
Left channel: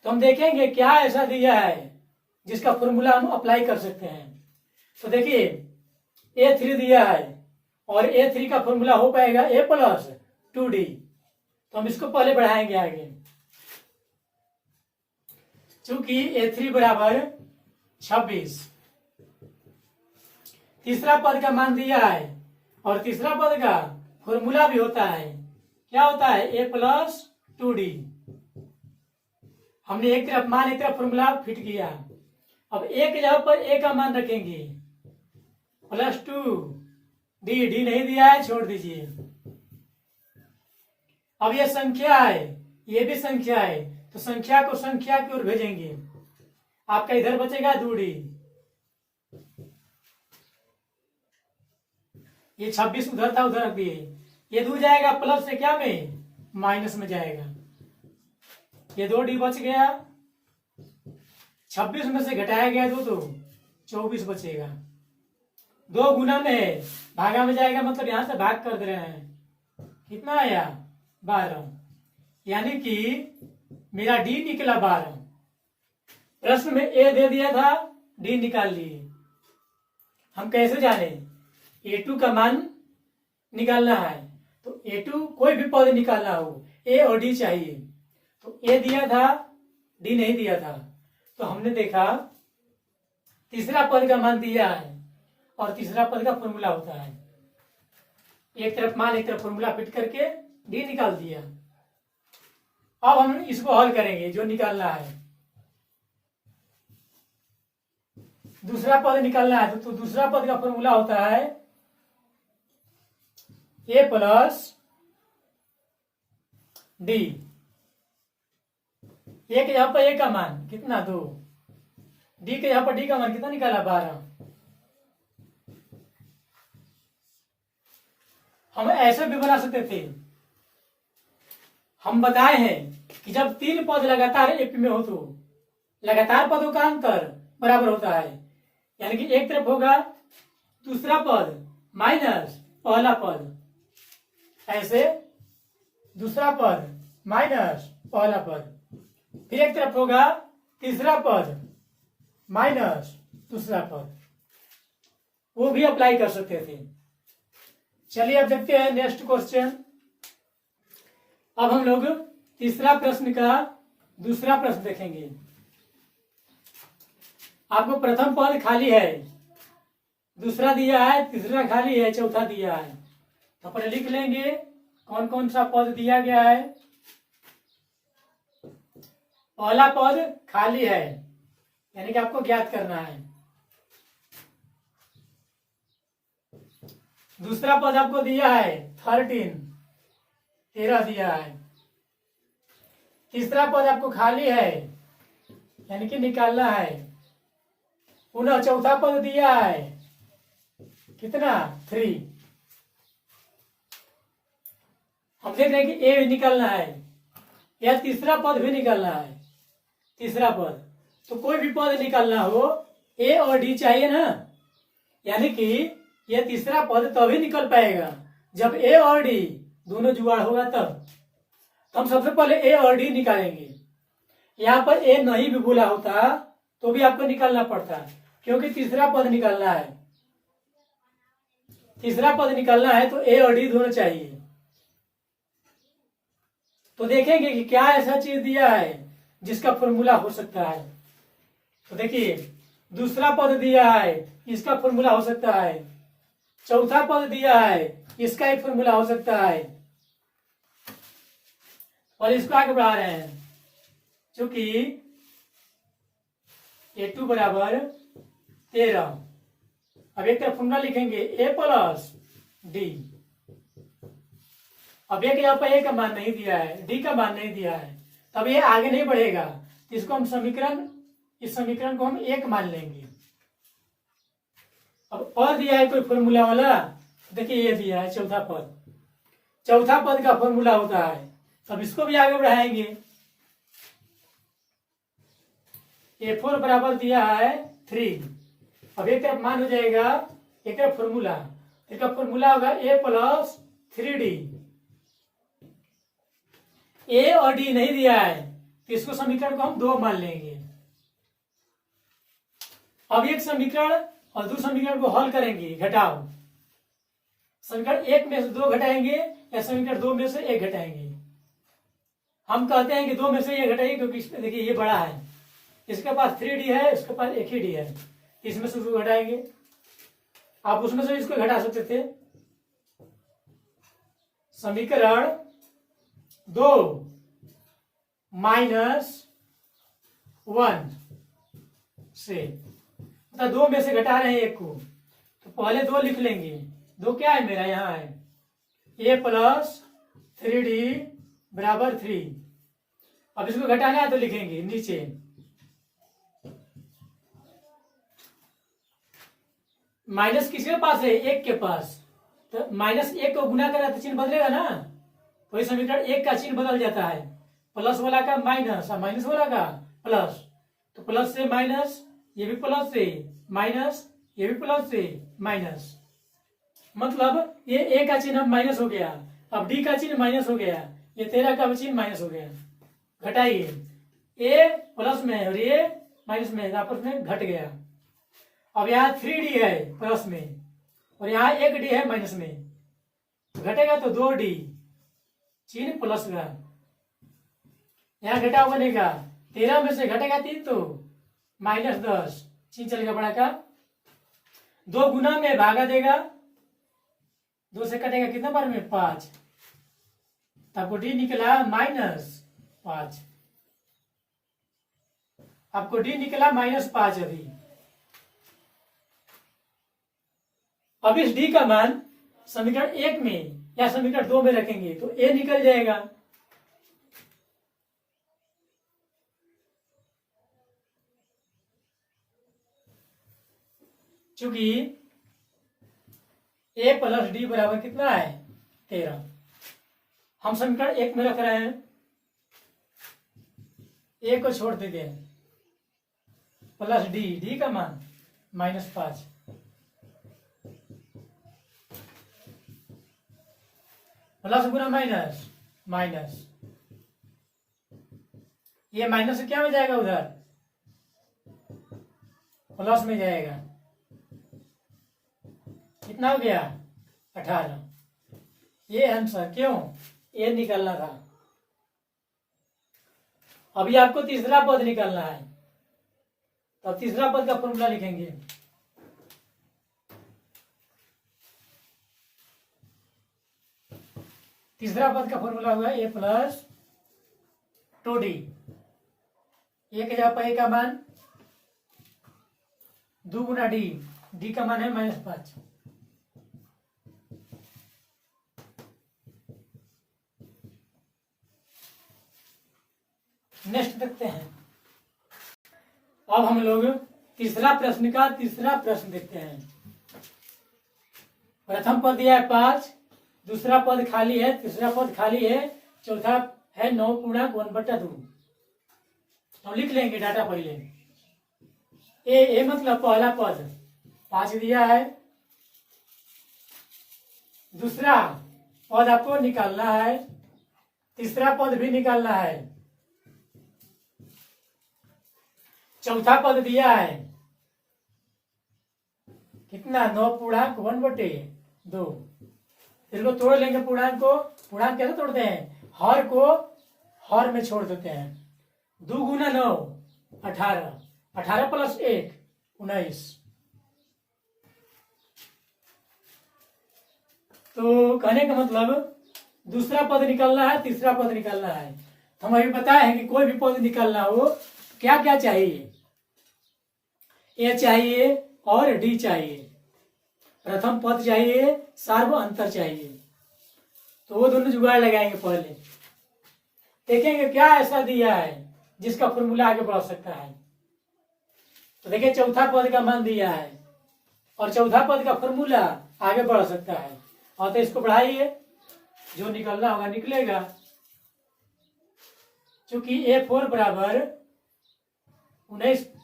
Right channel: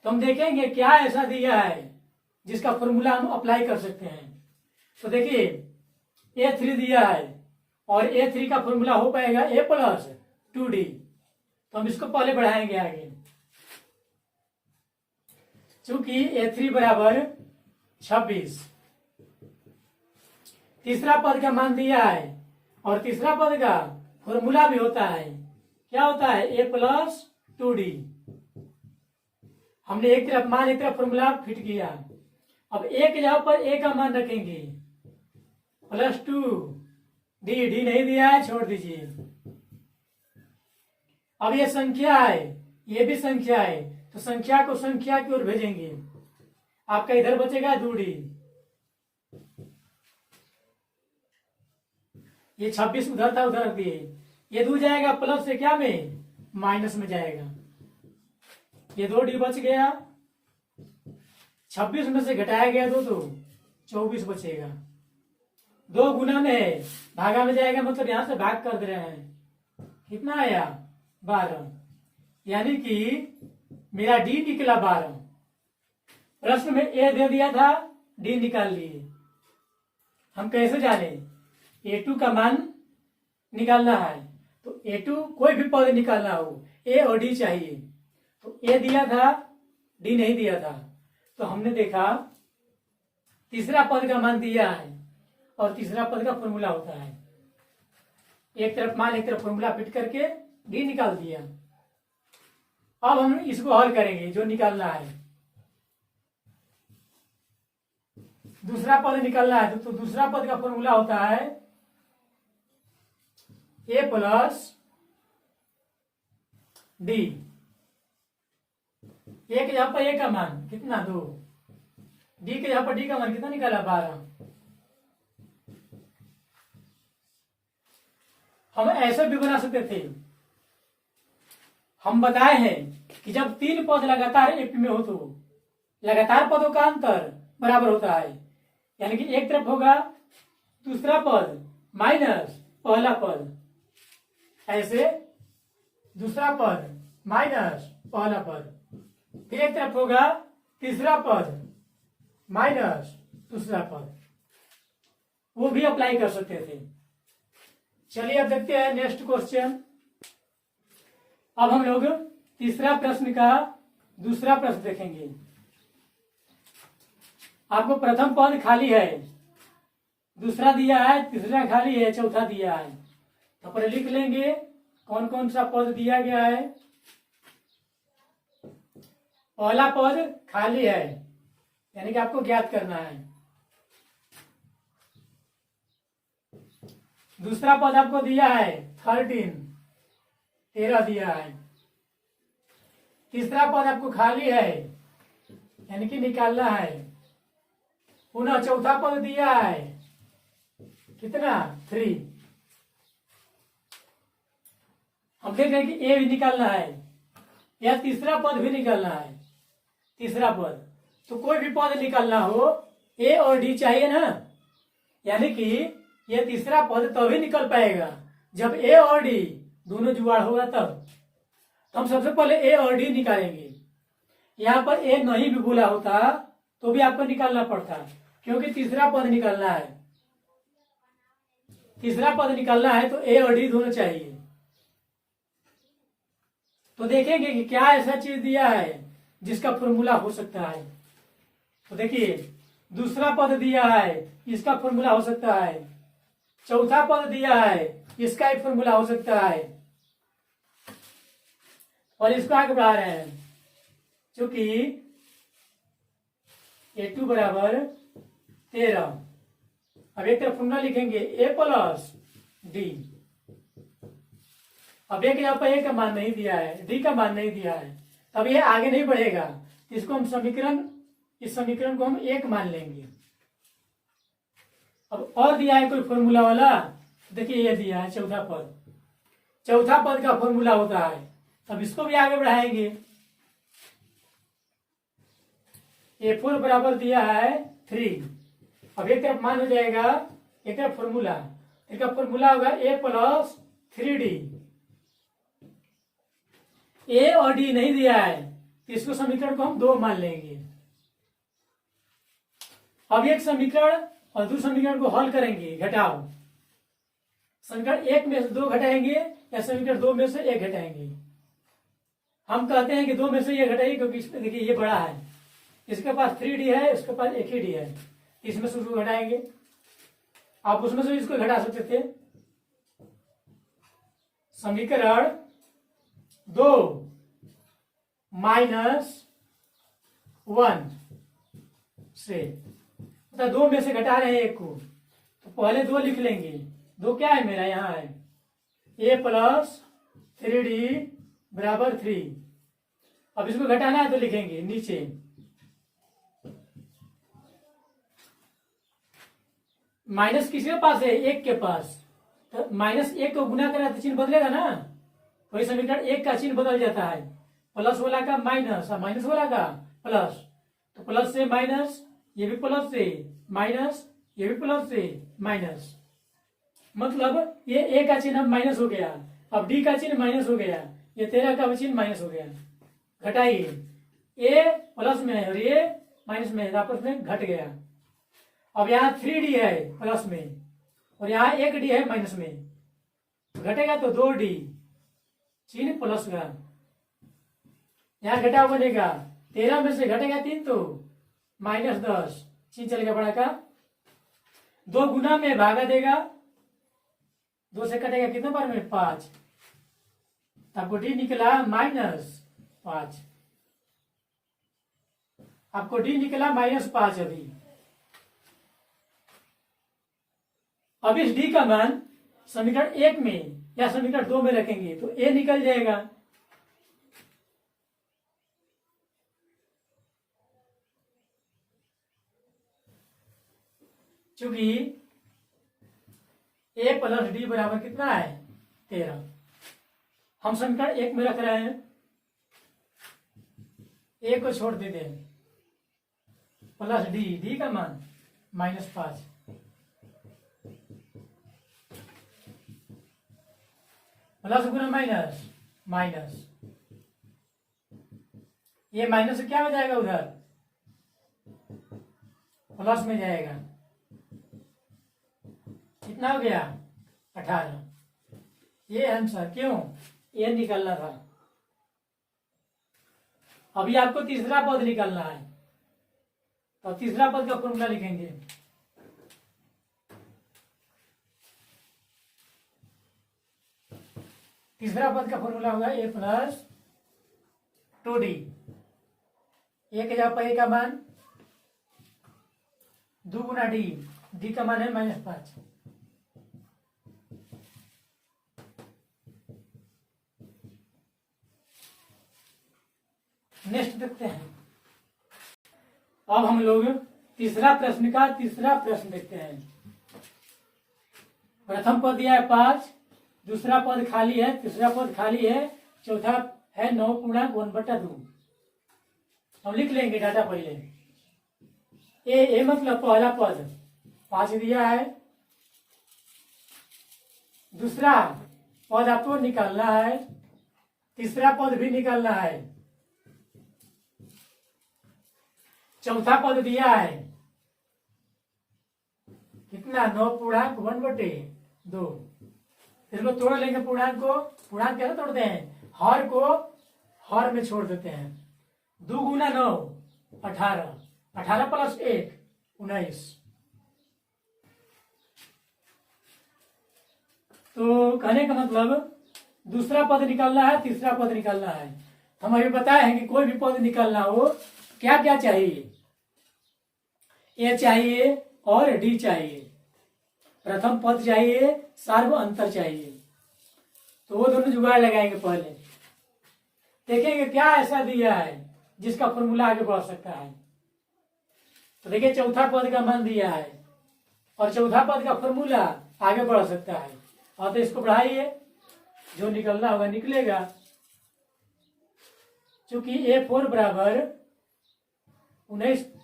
तो हम देखेंगे क्या ऐसा दिया है जिसका फॉर्मूला हम अप्लाई कर सकते हैं। तो देखिए A3 दिया है और A3 का फॉर्मूला हो पाएगा A + 2D। तो हम इसको पहले बढ़ाएंगे आगे, चूंकि A3 = 26। तीसरा पद का मान दिया है और तीसरा पद का फॉर्मूला भी होता है, क्या होता है, A + 2D। हमने एक तरफ मान एक तरफ फॉर्मूला फिट किया। अब एक जगह पर ए का मान रखेंगे +2D, डी नहीं दिया है, छोड़ दीजिए। अब ये संख्या है, ये भी संख्या है, तो संख्या को संख्या की ओर भेजेंगे। आपका इधर बचेगा 2D। ये 26 उधर था, उधर रख दिए। ये 2 जाएगा प्लस से क्या में, माइनस में जाएगा। ये 2D बच गया, 26 में से घटाया गया 2 तो 24 बचेगा। 2 गुना में है, भागा में जाएगा मतलब यहां से भाग कर दे रहे हैं। कितना आया? 12। यानी कि मेरा डी निकला 12। प्रश्न में ए दे दिया था, डी निकाल लिए। हम कैसे जाने? A2 का मान निकालना है, तो A2 कोई भी पद निकालना हो, ए और डी चाहिए। तो ए दिया था, डी नहीं दिया था, तो हमने देखा तीसरा पद का मान दिया है और तीसरा पद का फॉर्मूला होता है। एक तरफ मान एक तरफ फॉर्मूला फिट करके डी निकाल दिया। अब हम इसको हल करेंगे, जो निकालना है। दूसरा पद निकालना है, तो दूसरा पद का फॉर्मूला होता है ए प्लस डी। ए के यहां पर ए का मान कितना? 2। डी के यहां पर डी का मान कितना निकाला? 12। हम ऐसे भी बना सकते थे। हम बताए हैं कि जब 3 पद लगातार एक में हो तो लगातार पदों का अंतर बराबर होता है। यानी कि एक तरफ होगा दूसरा पद माइनस पहला पद, ऐसे दूसरा पद माइनस पहला पद, फिर एक तरफ होगा तीसरा पद माइनस दूसरा पद। वो भी अप्लाई कर सकते थे। चलिए अब देखते हैं नेक्स्ट क्वेश्चन। अब हम लोग तीसरा प्रश्न का दूसरा प्रश्न देखेंगे। आपको प्रथम पद खाली है, दूसरा दिया है, तीसरा खाली है, चौथा दिया है। तो पर लिख लेंगे कौन कौन सा पद दिया गया है। पहला पद खाली है, यानी कि आपको ज्ञात करना है। दूसरा पद आपको दिया है 13 दिया है। तीसरा पद आपको खाली है, यानी कि निकालना है। पुनः चौथा पद दिया है कितना? 3। हम देख रहे हैं कि ए भी निकालना है या तीसरा पद भी निकालना है। तीसरा पद तो कोई भी पद निकालना हो, ए और डी चाहिए ना। यानी कि ये तीसरा पद तभी निकल पाएगा जब ए और डी दोनों जुगाड़ होगा तब। तो हम सबसे पहले ए और डी निकालेंगे। यहाँ पर ए नहीं भी बोला होता तो भी आपको निकालना पड़ता, क्योंकि तीसरा पद निकालना है। तीसरा पद निकालना है तो ए और डी दोनों चाहिए। तो देखेंगे कि क्या ऐसा चीज दिया है जिसका फॉर्मूला हो सकता है। तो देखिए, दूसरा पद दिया है, इसका फॉर्मूला हो सकता है। चौथा पद दिया है, इसका एक फॉर्मूला हो सकता है। और इसको आगे बढ़ा रहे हैं, क्योंकि A2 बराबर 13। अब एक तरफ फॉर्मूला लिखेंगे ए प्लस डी। अब एक यहाँ पर ए का मान नहीं दिया है, डी का मान नहीं दिया है, तब ये आगे नहीं बढ़ेगा। इसको हम इस समीकरण को हम 1 मान लेंगे। अब और दिया है कोई फॉर्मूला वाला, देखिए ये दिया है चौथा पद। चौथा पद का फॉर्मूला होता है, अब इसको भी आगे बढ़ाएंगे। A4 बराबर दिया है 3। अब एक तरफ मान हो जाएगा, एक तरफ फॉर्मूला, एक फॉर्मूला होगा A प्लस 3D। ए और डी नहीं दिया है तो इसको समीकरण को हम 2 मान लेंगे। अब एक समीकरण और दूसरे समीकरण को हल करेंगे, घटाओ। समीकरण 1 में से 2 घटाएंगे या समीकरण 2 में से 1 घटाएंगे। हम कहते हैं कि 2 में से 1 घटाइए, क्योंकि देखिए ये बड़ा है, इसके पास 3D है, इसके पास 1 ही डी है, इसमें से उसको घटाएंगे। आप उसमें से इसको घटा सकते थे। समीकरण 2 माइनस 1 से, मतलब 2 में से घटा रहे हैं 1 को, तो पहले 2 लिख लेंगे। 2 क्या है मेरा? यहां है a प्लस 3D बराबर 3। अब इसको घटाना है तो लिखेंगे नीचे माइनस किसके पास है? 1 के पास। तो माइनस 1 को गुना करा तो चिन्ह बदलेगा ना, तो इस समीकरण 1 का चिन्ह बदल जाता है। प्लस वाला का माइनस और माइनस वाला का प्लस, तो प्लस से माइनस ये भी प्लस से माइनस, ये भी प्लस से माइनस, मतलब ये ए का चिन्ह अब माइनस हो गया, अब डी का चिन्ह माइनस हो गया, ये 13 का भी चिन्ह माइनस हो गया। घटाइए, ए प्लस में है और ये माइनस में है, आपस में घट गया। अब यहाँ 3D है प्लस में और यहाँ 1D है माइनस में, घटेगा तो 2D, चिन्ह प्लस का, यहाँ घटाव बनेगा 13 में से घटेगा 3 तो -10, चिन्ह चलेगा बड़ा का, 2 गुना में भागा देगा, 2 से कटेगा कितना बार में 5, आपको डी निकला -5, आपको डी निकला -5। अब इस डी का मान समीकरण 1 में या समीकरण 2 में रखेंगे तो ए निकल जाएगा। चूंकि ए प्लस डी बराबर कितना है 13, हम समीकरण 1 में रख रहे हैं, ए को छोड़ देते हैं, प्लस डी, डी का मान -5, प्लस गुना माइनस माइनस, ये माइनस क्या में जाएगा, उधर प्लस में जाएगा, कितना हो गया 18, ये आंसर, क्यों ये निकालना था। अभी आपको तीसरा पद निकालना है, तो तीसरा पद का फॉर्मूला लिखेंगे, तीसरा पद का फॉर्मूला हुआ ए प्लस 2D, ए के जगह पर ए का मान 2 गुना डी, डी का मान है -5, नेक्स्ट देखते हैं। अब हम लोग तीसरा प्रश्न का तीसरा प्रश्न देखते हैं। प्रथम पद दिया है 5, दूसरा पद खाली है, तीसरा पद खाली है, चौथा है 9 पूर्णांक 1/2। हम लिख लेंगे डाटा पहले। ए मतलब पहला पद 5 दिया है, दूसरा पद आपको निकालना है, तीसरा पद भी निकालना है, चौथा पद दिया है कितना 9 पूर्णांक 1/2। इसको तोड़ लेंगे, पूर्णांक को, पूर्णांक कैसे तोड़ते हैं, हर को हर में छोड़ देते हैं, 2 गुना 9 18, 18 प्लस 1 19। तो कहने का मतलब दूसरा पद निकालना है, तीसरा पद निकालना है। हम अभी बताए हैं कि कोई भी पद निकालना हो क्या क्या चाहिए, ए चाहिए और डी चाहिए, प्रथम पद चाहिए, सार्व अंतर चाहिए, तो वो दोनों जुगाड़ लगाएंगे। पहले देखेंगे क्या ऐसा दिया है जिसका फॉर्मूला आगे बढ़ सकता है। तो देखिए चौथा पद का मान दिया है और चौथा पद का फॉर्मूला आगे बढ़ सकता है, और तो इसको बढ़ाइए, जो निकलना होगा निकलेगा। चूंकि A4 बराबर 19/2,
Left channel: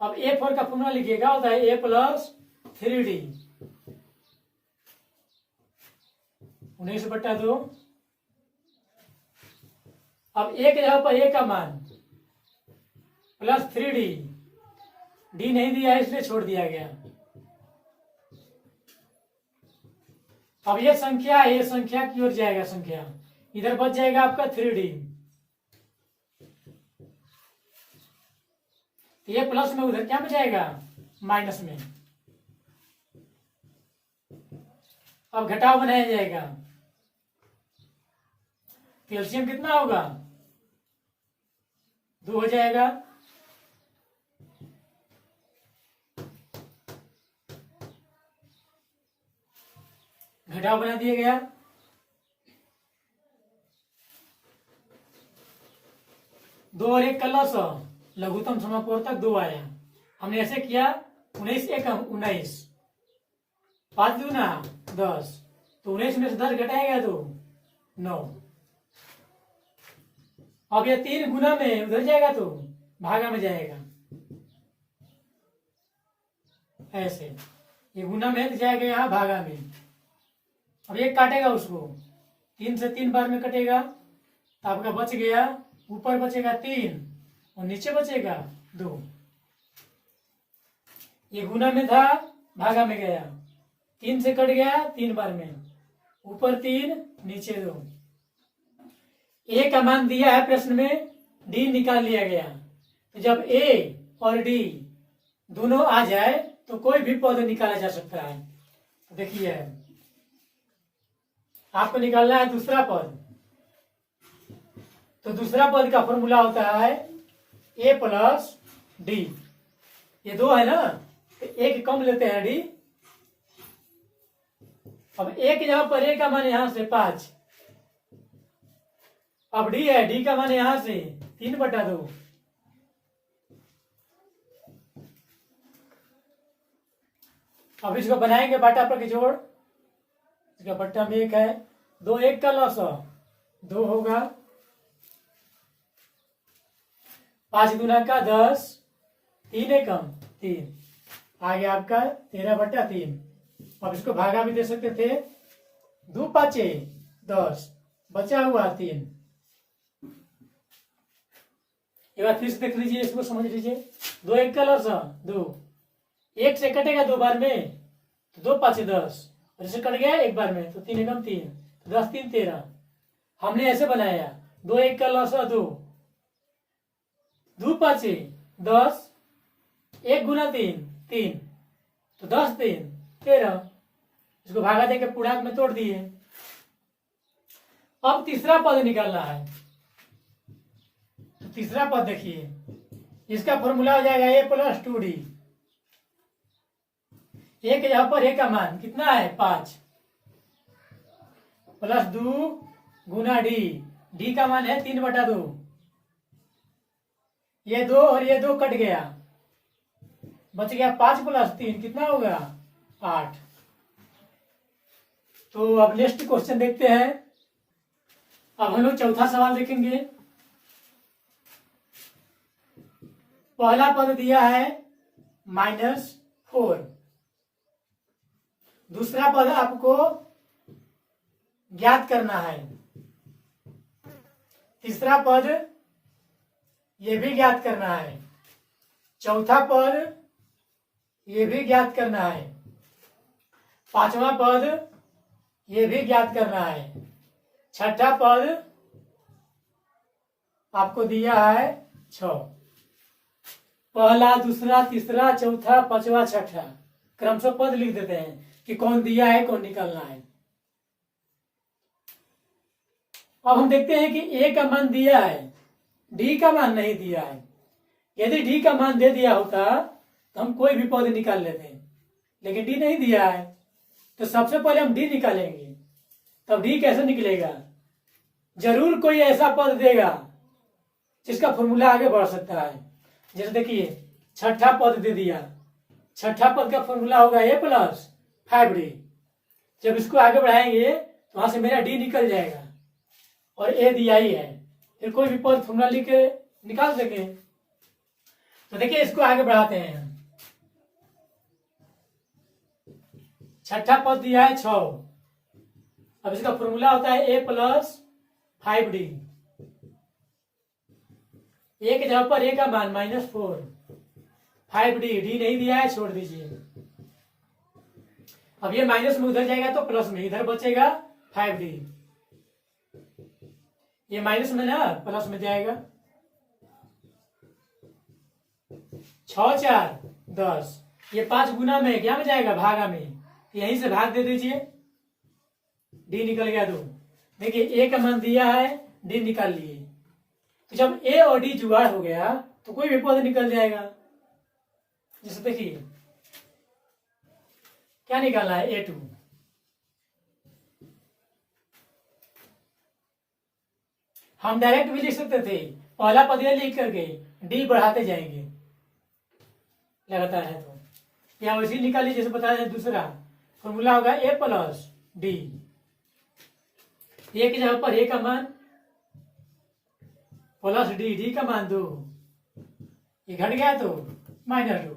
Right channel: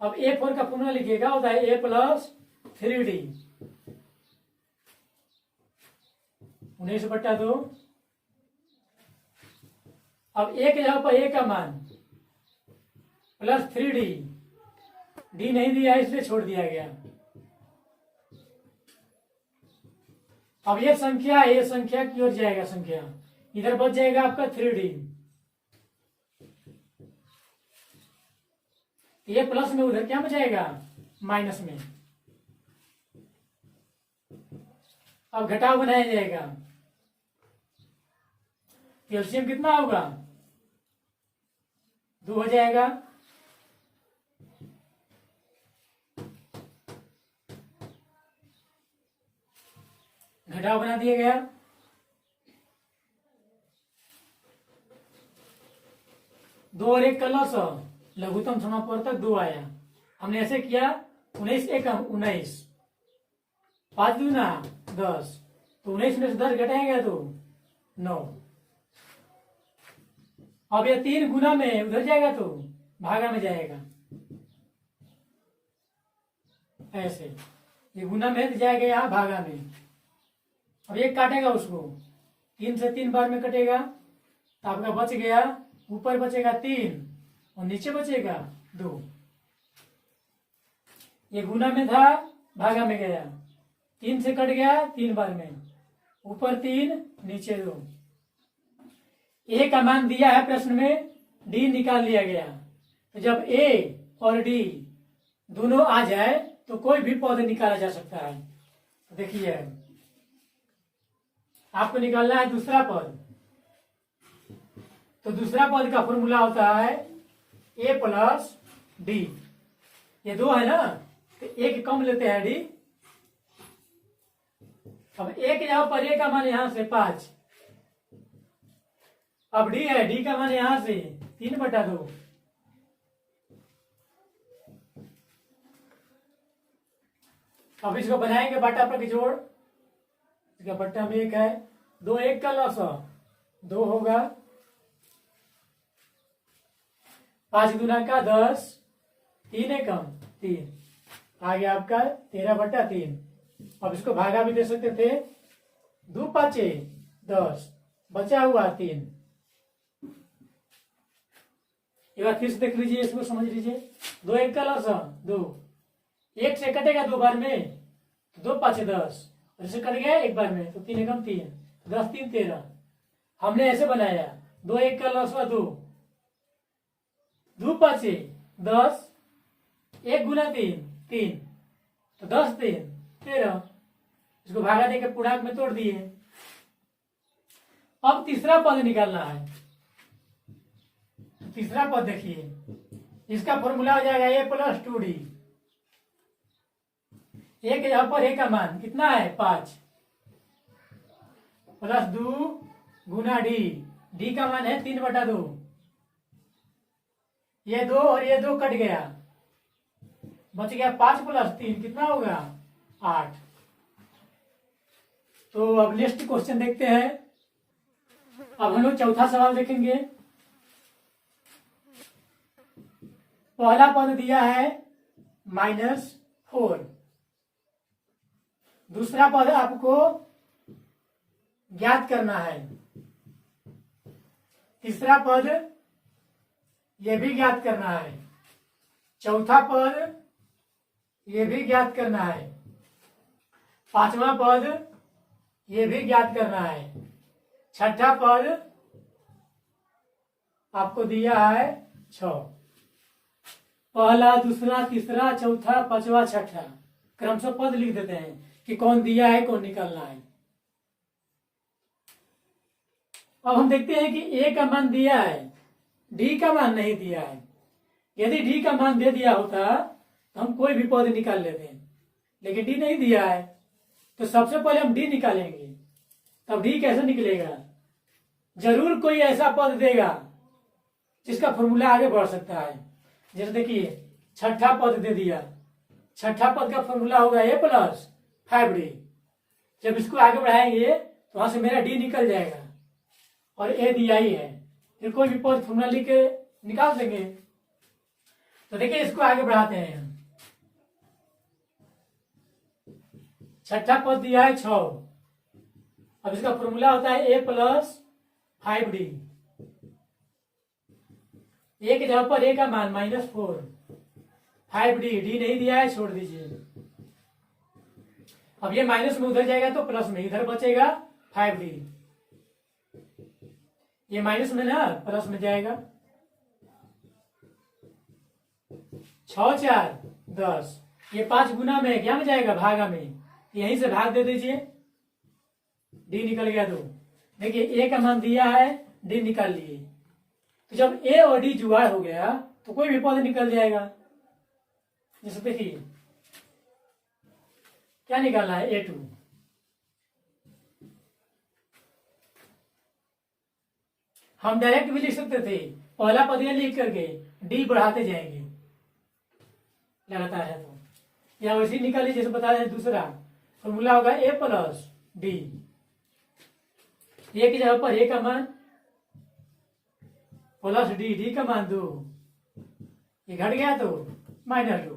अब A4 का फॉर्मूला लिखिएगा, होता है A प्लस 3D 19/2। अब ए के जगह पर ए का मान प्लस 3D, डी नहीं दिया है इसलिए छोड़ दिया गया। अब ये संख्या की ओर जाएगा, संख्या इधर बच जाएगा आपका 3D, ये प्लस में उधर क्या में जाएगा माइनस में। अब घटाव बनाया जाएगा, एलसीएम कितना होगा 2 हो जाएगा, घटाव बना दिया गया। दो और 1 का लॉस, लघुत्तम समापूर्तक 2 आया। हमने ऐसे किया 19 एकम 19, 5 दूना 10, तो 19 में से 10 घटाएगा तो 9। अब ये 3 गुना में उधर जाएगा तो भागा में जाएगा, ऐसे ये गुना में जाएगा यहाँ भागा में। अब ये काटेगा उसको, 3 से 3 बार में कटेगा तो आपका बच गया, ऊपर बचेगा 3 और नीचे बचेगा 2। ये गुना में था, भागा में गया, 3 से कट गया 3 बार में, ऊपर 3 नीचे 2। ए का मान दिया है प्रश्न में, डी निकाल लिया गया। तो जब ए और डी दोनों आ जाए तो कोई भी पद निकाला जा सकता है। तो देखिए आपको निकालना है दूसरा पद। तो दूसरा पद का फॉर्मूला होता है ए प्लस डी। ये 2 है ना, तो एक कम लेते हैं डी। अब एक यहां पर ए का मान यहां से 5, अब डी है, डी का मान यहां से 3/2। अब इसको बनाएंगे बाटा पर जोड़, इसका बट्टा में 1 है, 2 1 का लॉस 2 होगा, 5 गुना का 10, 3 है कम 3, आ गया आपका 13/3। अब इसको भागा भी दे सकते थे, 2 5 10, बचा हुआ 3। एक बार फिर से देख लीजिए, इसको समझ लीजिए। 2 1 का लॉस 2, 1 से कटेगा 2 बार में तो 2 5 10, और इसे कट गया 1 बार में तो 3 एकम 3, 10 3 13। हमने ऐसे बनाया, 2 1 का लॉस 2, 2 5 10, 1 गुना 3 3, तो 10 3 13। इसको भागा देकर पूर्णांक में तोड़ दिए। अब तीसरा पद निकालना है। तो तीसरा पद देखिए, इसका फॉर्मूला हो जाएगा ए प्लस 2डी। एक यहां पर ए का मान कितना है 5, प्लस 2 गुना डी, डी का मान है 3/2। ये 2 और ये 2 कट गया, बच गया 5 + 3 कितना होगा 8। तो अब नेक्स्ट क्वेश्चन देखते हैं। अब हम लोग चौथा सवाल देखेंगे। पहला पद दिया है -4, दूसरा पद आपको ज्ञात करना है, तीसरा पद ये भी ज्ञात करना है, चौथा पद ये भी ज्ञात करना है, पांचवा पद ये भी ज्ञात करना है, छठा पद आपको दिया है 6। पहला, दूसरा, तीसरा, चौथा, पांचवा, छठा क्रमशः पद लिख देते हैं कि कौन दिया है, कौन निकालना है। अब हम देखते हैं कि ए का मान दिया है, डी का मान नहीं दिया है। यदि डी का मान दे दिया होता तो हम कोई भी पद निकाल लेते हैं, लेकिन डी नहीं दिया है तो सबसे पहले हम डी निकालेंगे। तब डी कैसे निकलेगा? जरूर कोई ऐसा पद देगा जिसका फॉर्मूला आगे बढ़ सकता है। जैसे देखिए छठा पद दे दिया, छठा पद का फॉर्मूला होगा ए प्लस 5d। जब इसको आगे बढ़ाएंगे तो वहां से मेरा डी निकल जाएगा और ए दिया ही है, फिर कोई भी पद फॉर्मूला लिख के निकाल देंगे। तो देखिए इसको आगे बढ़ाते हैं। छठा पद दिया है 6, अब इसका फॉर्मूला होता है ए प्लस 5d। ए के जगह पर ए का मान -4, 5d, डी नहीं दिया है छोड़ दीजिए। अब ये माइनस में उधर जाएगा तो प्लस में, इधर बचेगा 5d, ये माइनस में ना प्लस में जाएगा। 6 4 10, ये 5 गुना में क्या में जाएगा भागा में, यहीं से भाग दे दीजिए, डी निकल गया 2। देखिए ए का मान दिया है, डी निकाल लिए। तो जब ए और डी जुगाड़ हो गया तो कोई भी पद निकल जाएगा। जैसे देखिए क्या निकालना है A2, हम डायरेक्ट भी लिख सकते थे, पहला पद ये लिख करके डी बढ़ाते जाएंगे लगातार है तो, या वैसे निकालिए जैसे बताया दूसरा फॉर्मूला होगा ए प्लस डी। ए की जगह पर ए का मान प्लस डी, डी का मान 2, ये घट गया तो -2।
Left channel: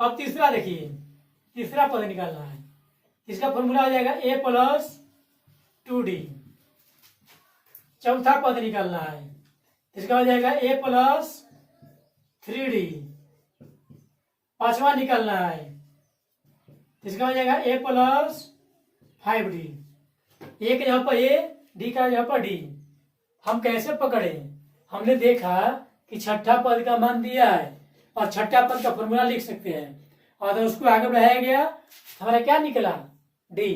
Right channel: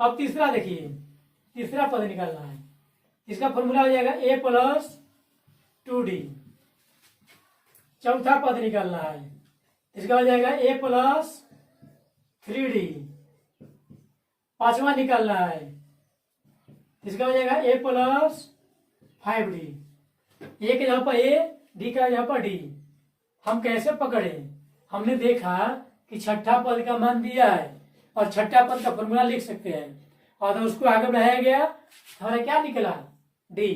अब तीसरा देखिए, तीसरा पद निकालना है। इसका फॉर्मूला हो जाएगा a प्लस 2d। चौथा पद निकालना है, इसका हो जाएगा a प्लस 3d। पांचवा निकालना है, इसका हो जाएगा a प्लस 5d। ए के जगह पर a, डी का जगह पर d। हम कैसे पकड़े? हमने देखा कि छठा पद का मान दिया है और छठा पद का फॉर्मूला लिख सकते हैं, और तो उसको आगे बढ़ाया गया, हमारा क्या निकला? डी।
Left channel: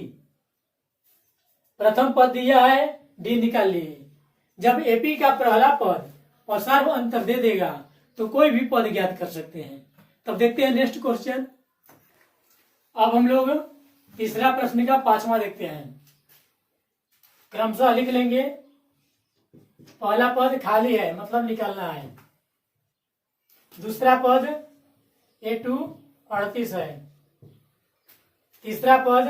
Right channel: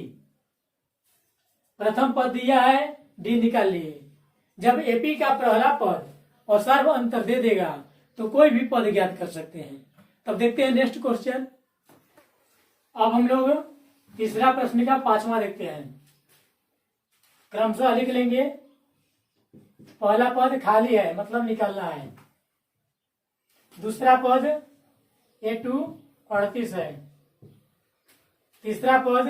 प्रथम पद दिया है, डी निकाल लिए। जब एपी का पहला पद और सर्व अंतर दे देगा तो कोई भी पद ज्ञात कर सकते हैं। तब देखते हैं नेक्स्ट क्वेश्चन। अब हम लोग तीसरा प्रश्न का पांचवा देखते हैं। क्रमशः लिख लेंगे। पहला पद खाली है, मतलब निकालना है। दूसरा पद A2 38 है। तीसरा पद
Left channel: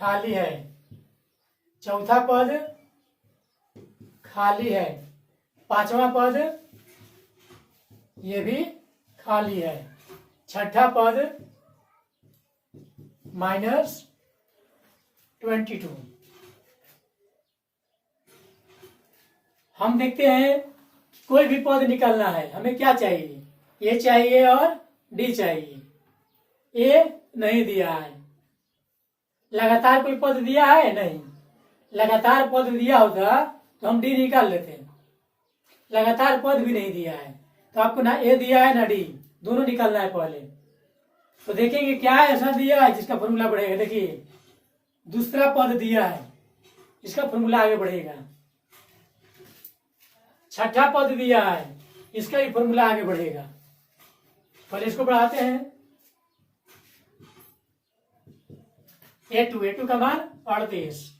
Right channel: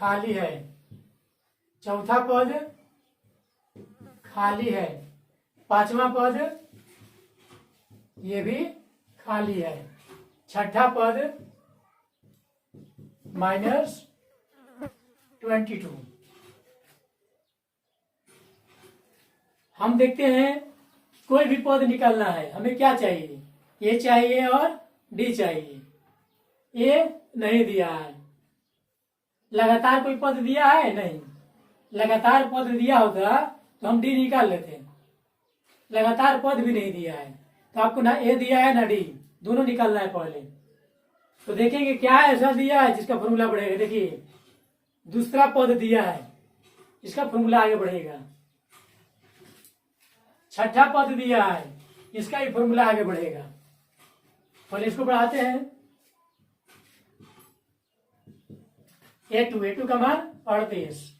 खाली है। चौथा पद खाली है। पांचवा पद ये भी खाली है। छठा पद -22। हम देखते हैं कोई भी पद निकालना है, हमें क्या चाहिए? ए चाहिए और डी चाहिए। ए नहीं दिया है। लगातार कोई पद दिया है? नहीं। लगातार पद दिया होगा तो हम डी निकाल लेते। लगातार पद भी नहीं दिया है तो आपको ना ए दिया है ना डी, दोनों निकालना है पहले। तो देखेंगे क्या ऐसा दिया है जिसका फॉर्मूला बढ़ेगा। देखिए, दूसरा पद दिया है, इसका फॉर्मूला आगे बढ़ेगा। छठा पद दिया है, इसका ही फॉर्मूला आगे बढ़ेगा। पहले इसको बढ़ाते हैं। A2 का मान 38।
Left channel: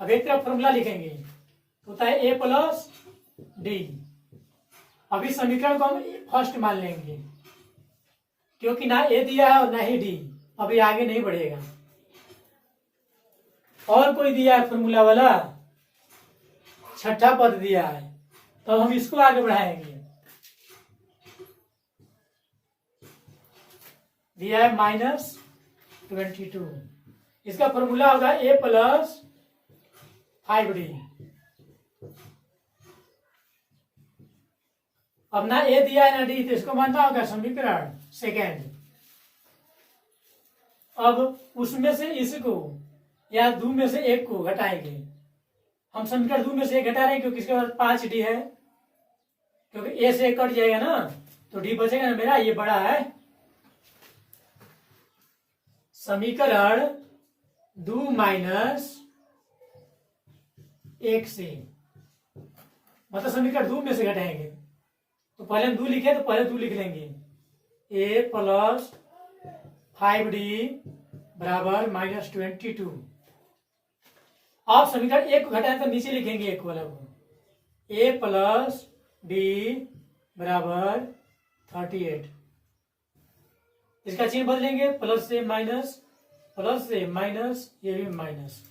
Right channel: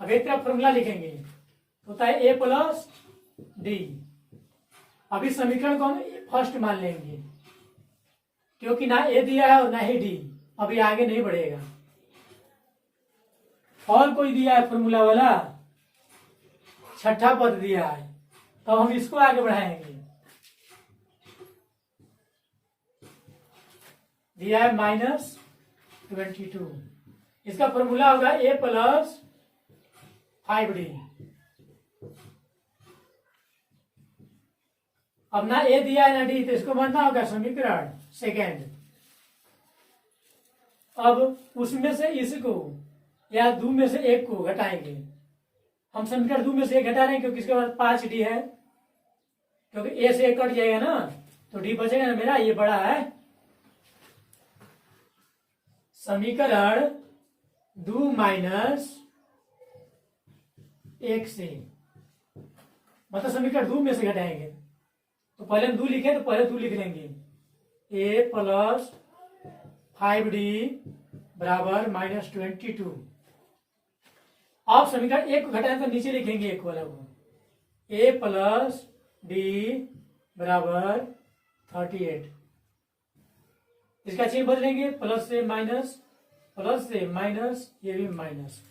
अब एक तरफ फॉर्मूला लिखेंगे, होता है A प्लस डी। अभी समीकरण को हम फर्स्ट मान लेंगे क्योंकि ना ए दिया है और ना ही डी। अभी आगे नहीं बढ़ेगा। और कोई दिया है फॉर्मूला वाला? छठा पद दिया है तो हम इसको आगे बढ़ाएंगे। दिया है -22। इसका फॉर्मूला होगा A प्लस 5d। अब ना ए दिया है ना डी, तो इसको मानना होगा समीकरण सेकेंड। अब उसमें से इसको या दो में से एक को घटाएंगे। हम समीकरण दो में से एक घटा रहे हैं क्योंकि इसके बाद 5d है, क्योंकि ए से कट जाएगा ना तो डी बचेगा ना मेरा, ये बड़ा है। समीकरण 2 माइनस 1 से, मतलब समीकरण 2 में से घटाएंगे। तो पहले हम 2 लिखे तो पहले 2 लिख लेंगे। A प्लस 5d बराबर -22। आप समीकरण 1 को घटाएं तो नीचे लिखेंगे एक वाला को। A प्लस d बराबर 38। इसका चिन्ह बदलेंगे, प्लस से माइनस, प्लस से माइनस, ये भी माइनस।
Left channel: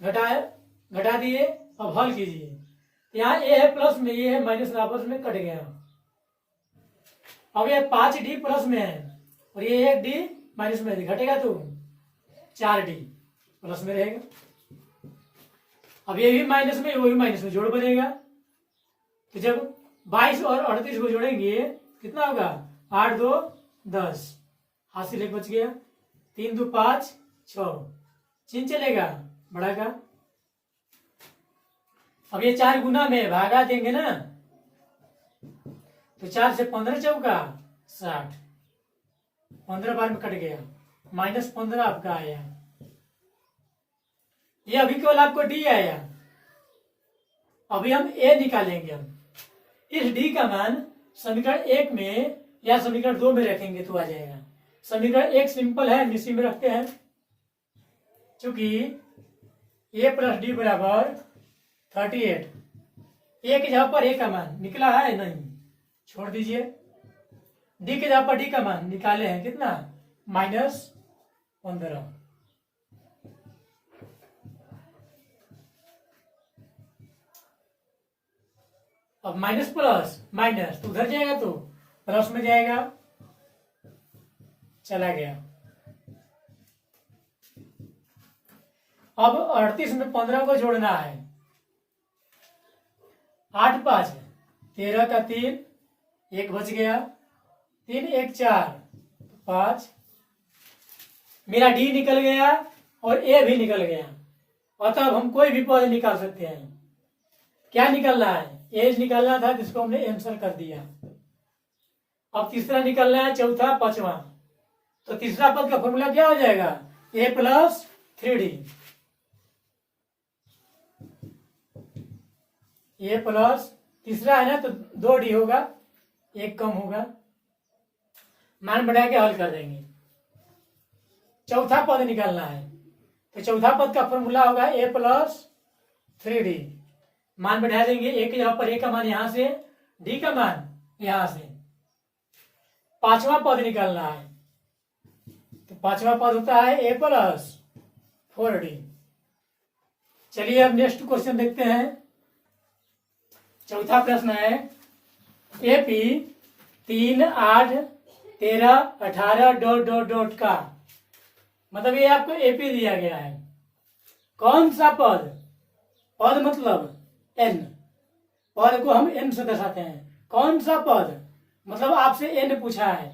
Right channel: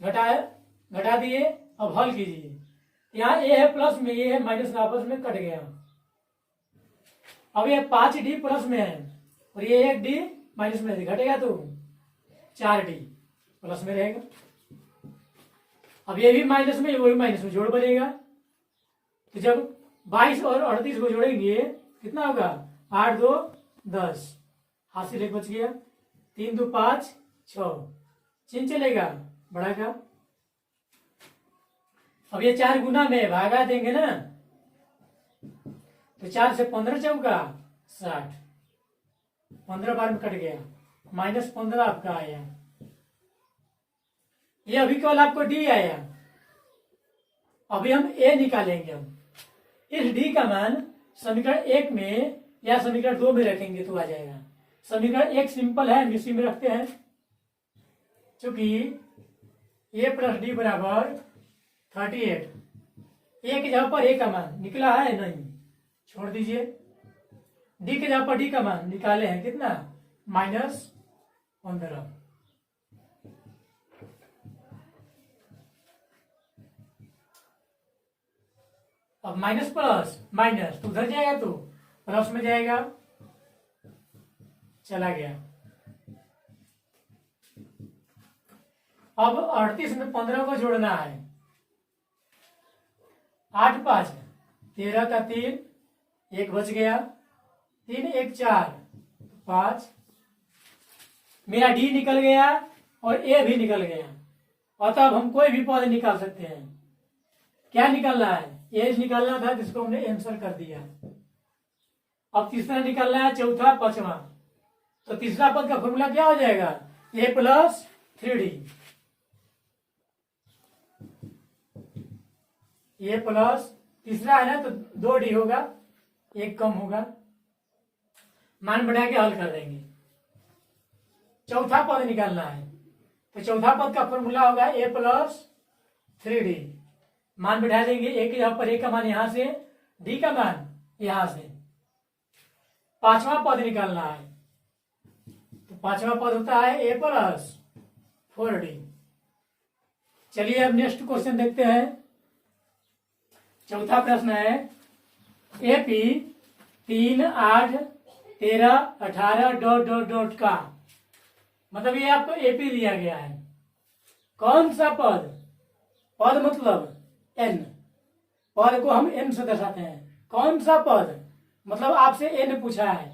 घटा दिए। अब हल कीजिए। यहाँ ए है प्लस में, ये है माइनस में, आपस में कट गया। अब ये 5d प्लस में है और ये 1d माइनस में घटेगा तो 4d प्लस में रहेगा। अब ये भी माइनस में, वो भी माइनस में, जोड़ बनेगा। तो जब 22 और 38 को जोड़ेंगे कितना होगा? 8 2 10, हाथ से लेकर बच गया। 3 2 5 6, चिन्ह चलेगा बड़ा का। अब ये 4 गुना में भागा देंगे ना, तो 4 से 15 चौका 60, 15 बार में कट गया, -15 आपका आया। ये अभी केवल आपको डी आया। अभी हम ए निकालेंगे। हम इस डी का मान समीकरण 1 में या समीकरण 2 में रखेंगे तो आ जाएगा। समीकरण 1 सिंपल है, इसी में रखते हैं। चूंकि a प्लस डी बराबर 38, ए की जगह पर ए का मान निकला है नहीं, छोड़ दीजिए। डी के जगह पर डी का मान निकाले हैं कितना? -15। अब माइनस प्लस माइनस तो उधर जाएगा तो प्लस में जाएगा, चला गया। अब 38 में 15 को जोड़ना है। 8 5 13 का 3, 1 बच गया, 3 1 4 5। मेरा डी निकल गया और ए भी निकल गया। अतः अब हम कोई भी पद निकाल सकते हैं। क्या निकलना है? एज निकालना था जिसको हमने आंसर कर दिया। अब तीसरा निकलना है, चौथा, पांचवा। तो तीसरा पद का फॉर्मूला क्या हो जाएगा? ए प्लस 3D। ए प्लस तीसरा है ना तो 2D होगा, एक कम होगा, मान बढ़ा के हल कर देंगे। चौथा पद निकालना है तो चौथा पद का फॉर्मूला होगा ए प्लस 3D। मान बढ़ा देंगे, ए के यहाँ पर ए का मान यहां से, डी का मान यहां से। पांचवा पद निकालना है तो पांचवा पद होता है ए प्लस 4D। चलिए अब नेक्स्ट क्वेश्चन देखते हैं। चौथा प्रश्न है एपी 3 8 13 18 डॉट डॉट डॉट का मतलब ये आपको एपी दिया गया है। कौन सा पद? पद मतलब एन, पद को हम एन से दर्शाते हैं। कौन सा पद मतलब आपसे एन पूछा है,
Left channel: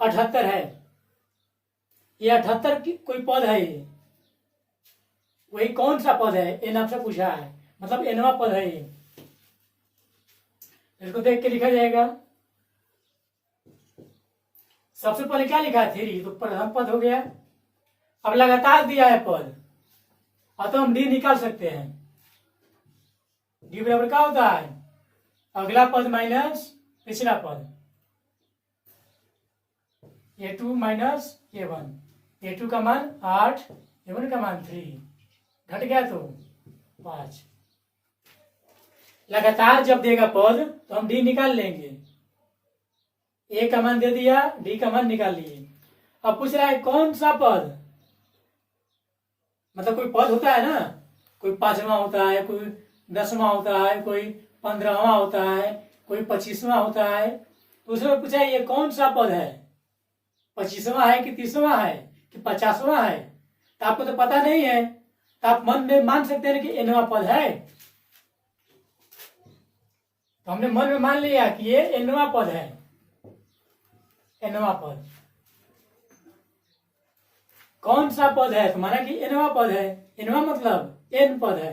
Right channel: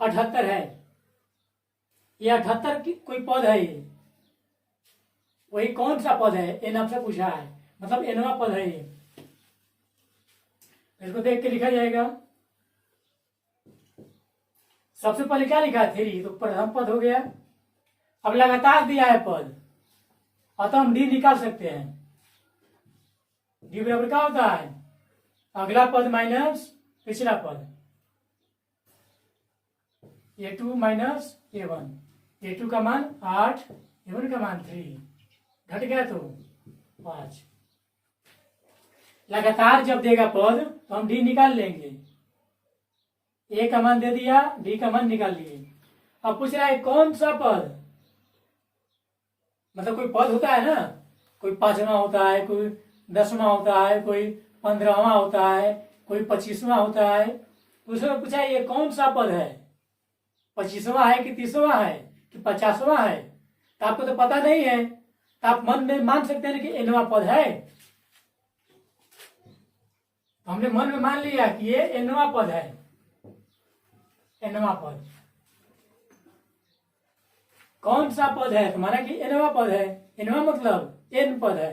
78 है। ये 78 की कोई पद है, ये वही कौन सा पद है? एन आपसे पूछा है, मतलब एनवा पद है ये। इसको देख के लिखा जाएगा। सबसे पहले क्या लिखा है? 3, तो प्रथम पद हो गया। अब लगातार दिया है पद, अतः हम डी निकाल सकते हैं। डी बराबर क्या होता है? अगला पद माइनस पिछला पद, A2 माइनस A1। A2 का मान 8, A1 का मान 3, घट गया तो 5। लगातार जब देगा पद तो हम डी निकाल लेंगे। ए का मान दे दिया, डी का मान निकाल लिए। अब पूछ रहा है कौन सा पद, मतलब कोई पद होता है ना, कोई 5वां होता है, कोई 10वां होता है, कोई 15वां होता है, कोई 25वां होता है। उसमें पूछा ये कौन सा पद है? 25वां है कि 30वां है कि 50वां है? तो आपको तो पता नहीं है, तो आप मन में मान सकते हैं कि एनवा पद है। तो हमने मन में मान लिया कि ये एनवा पद है, एनवा पद। कौन सा पद है? तो माना कि एनवा पद है। एनवा मतलब एन पद है,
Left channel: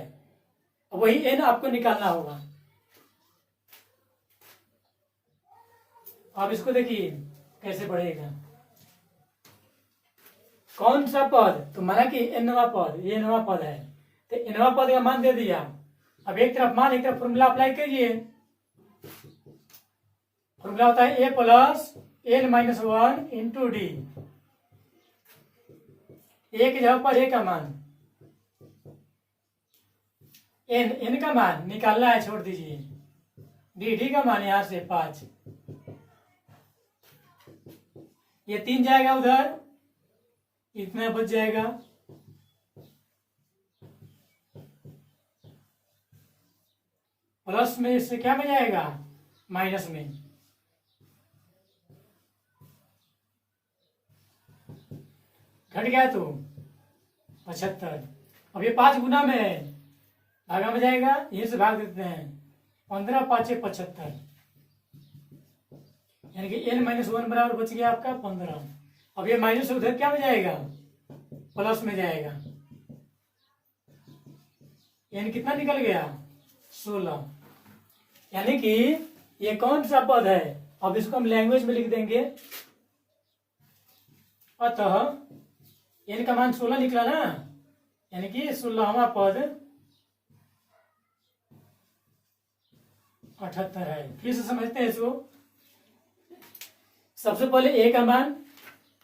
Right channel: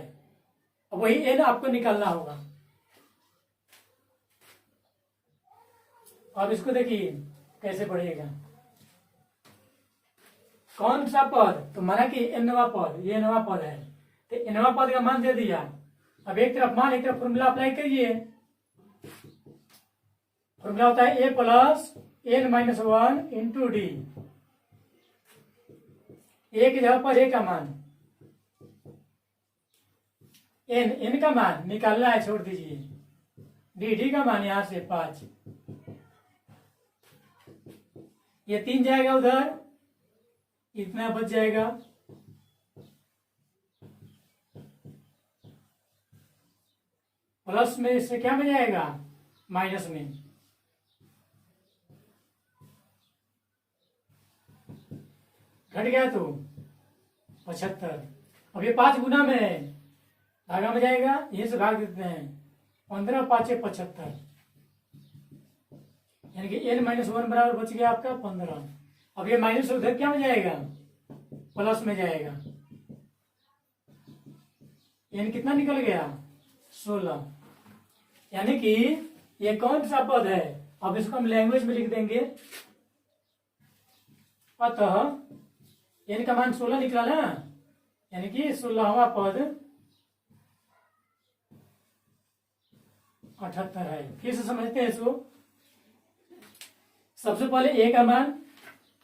वही एन आपको निकालना होगा। अब इसको देखिए कैसे पढ़ेगा। कौन सा पद? तो माना कि एनवा पद, ये एनवा पद है, तो एनवा पद का मान दे दिया। अब एक तरफ मान, एक तरफ फॉर्मूला अप्लाई करिए। फॉर्मूला होता है A plus N minus 1 into D. A की जगह पर ए का मान, एन का मान निकालना है, छोड़ दीजिए। डी का मान यहां से 5, ये 3 जाएगा उधर, इतना बच जाएगा। प्लस में इससे क्या बजाएगा? माइनस में। घट गया तो 75। अब ये 5 गुना में है, भागा में जाएगा, ये से भाग देते हैं। 15 5 75, यानी कि n माइनस 1 बराबर बच गया आपका 15। अब ये माइनस उधर क्या में जाएगा? प्लस में जाएगा। n कितना निकल गया? 16। यानी कि ये कौन सा पद है? अब इसको हम लैंग्वेज में लिख देंगे। अतः n का मान 16 निकला ना, यानी कि 16वां पद 78 है। फिर से समझते हैं इसको। सबसे पहले ए का मान,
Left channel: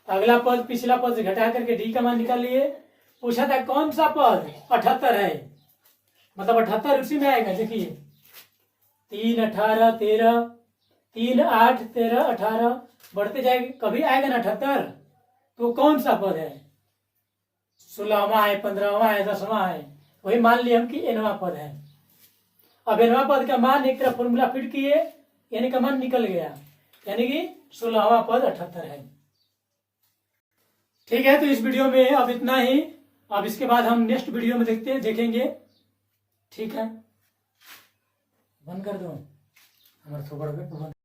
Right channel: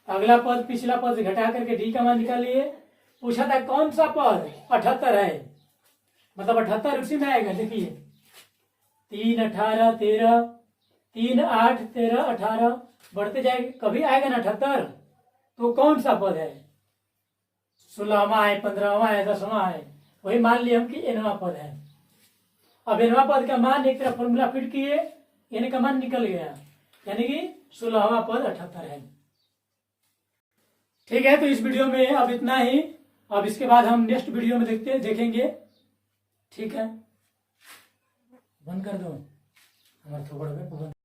अगला पद पिछला पद से घटा करके डी का मान निकाल लिए। पूछा था कौन सा पद? 78 है, मतलब 78 उसी में आएगा। देखिए 3 18 13, 3 8 13 18 बढ़ते जाएंगे, कभी आएगा ना 78। तो कौन सा पद है? 16वां है, 15वां है, 10वां है, वही मान लिया हम कि एनवा पद है। अब nवां पद का मान एक तरफ फॉर्मूला फिट किए, यानी का मान निकल गया, यानी कि 16वां पद 78 है। ठीक है, तो इस वीडियो में अब इतना ही। अब इसके बाद हम नेक्स्ट वीडियो में देखेंगे। ठीक है, बंद कर दो हमारा थोड़ा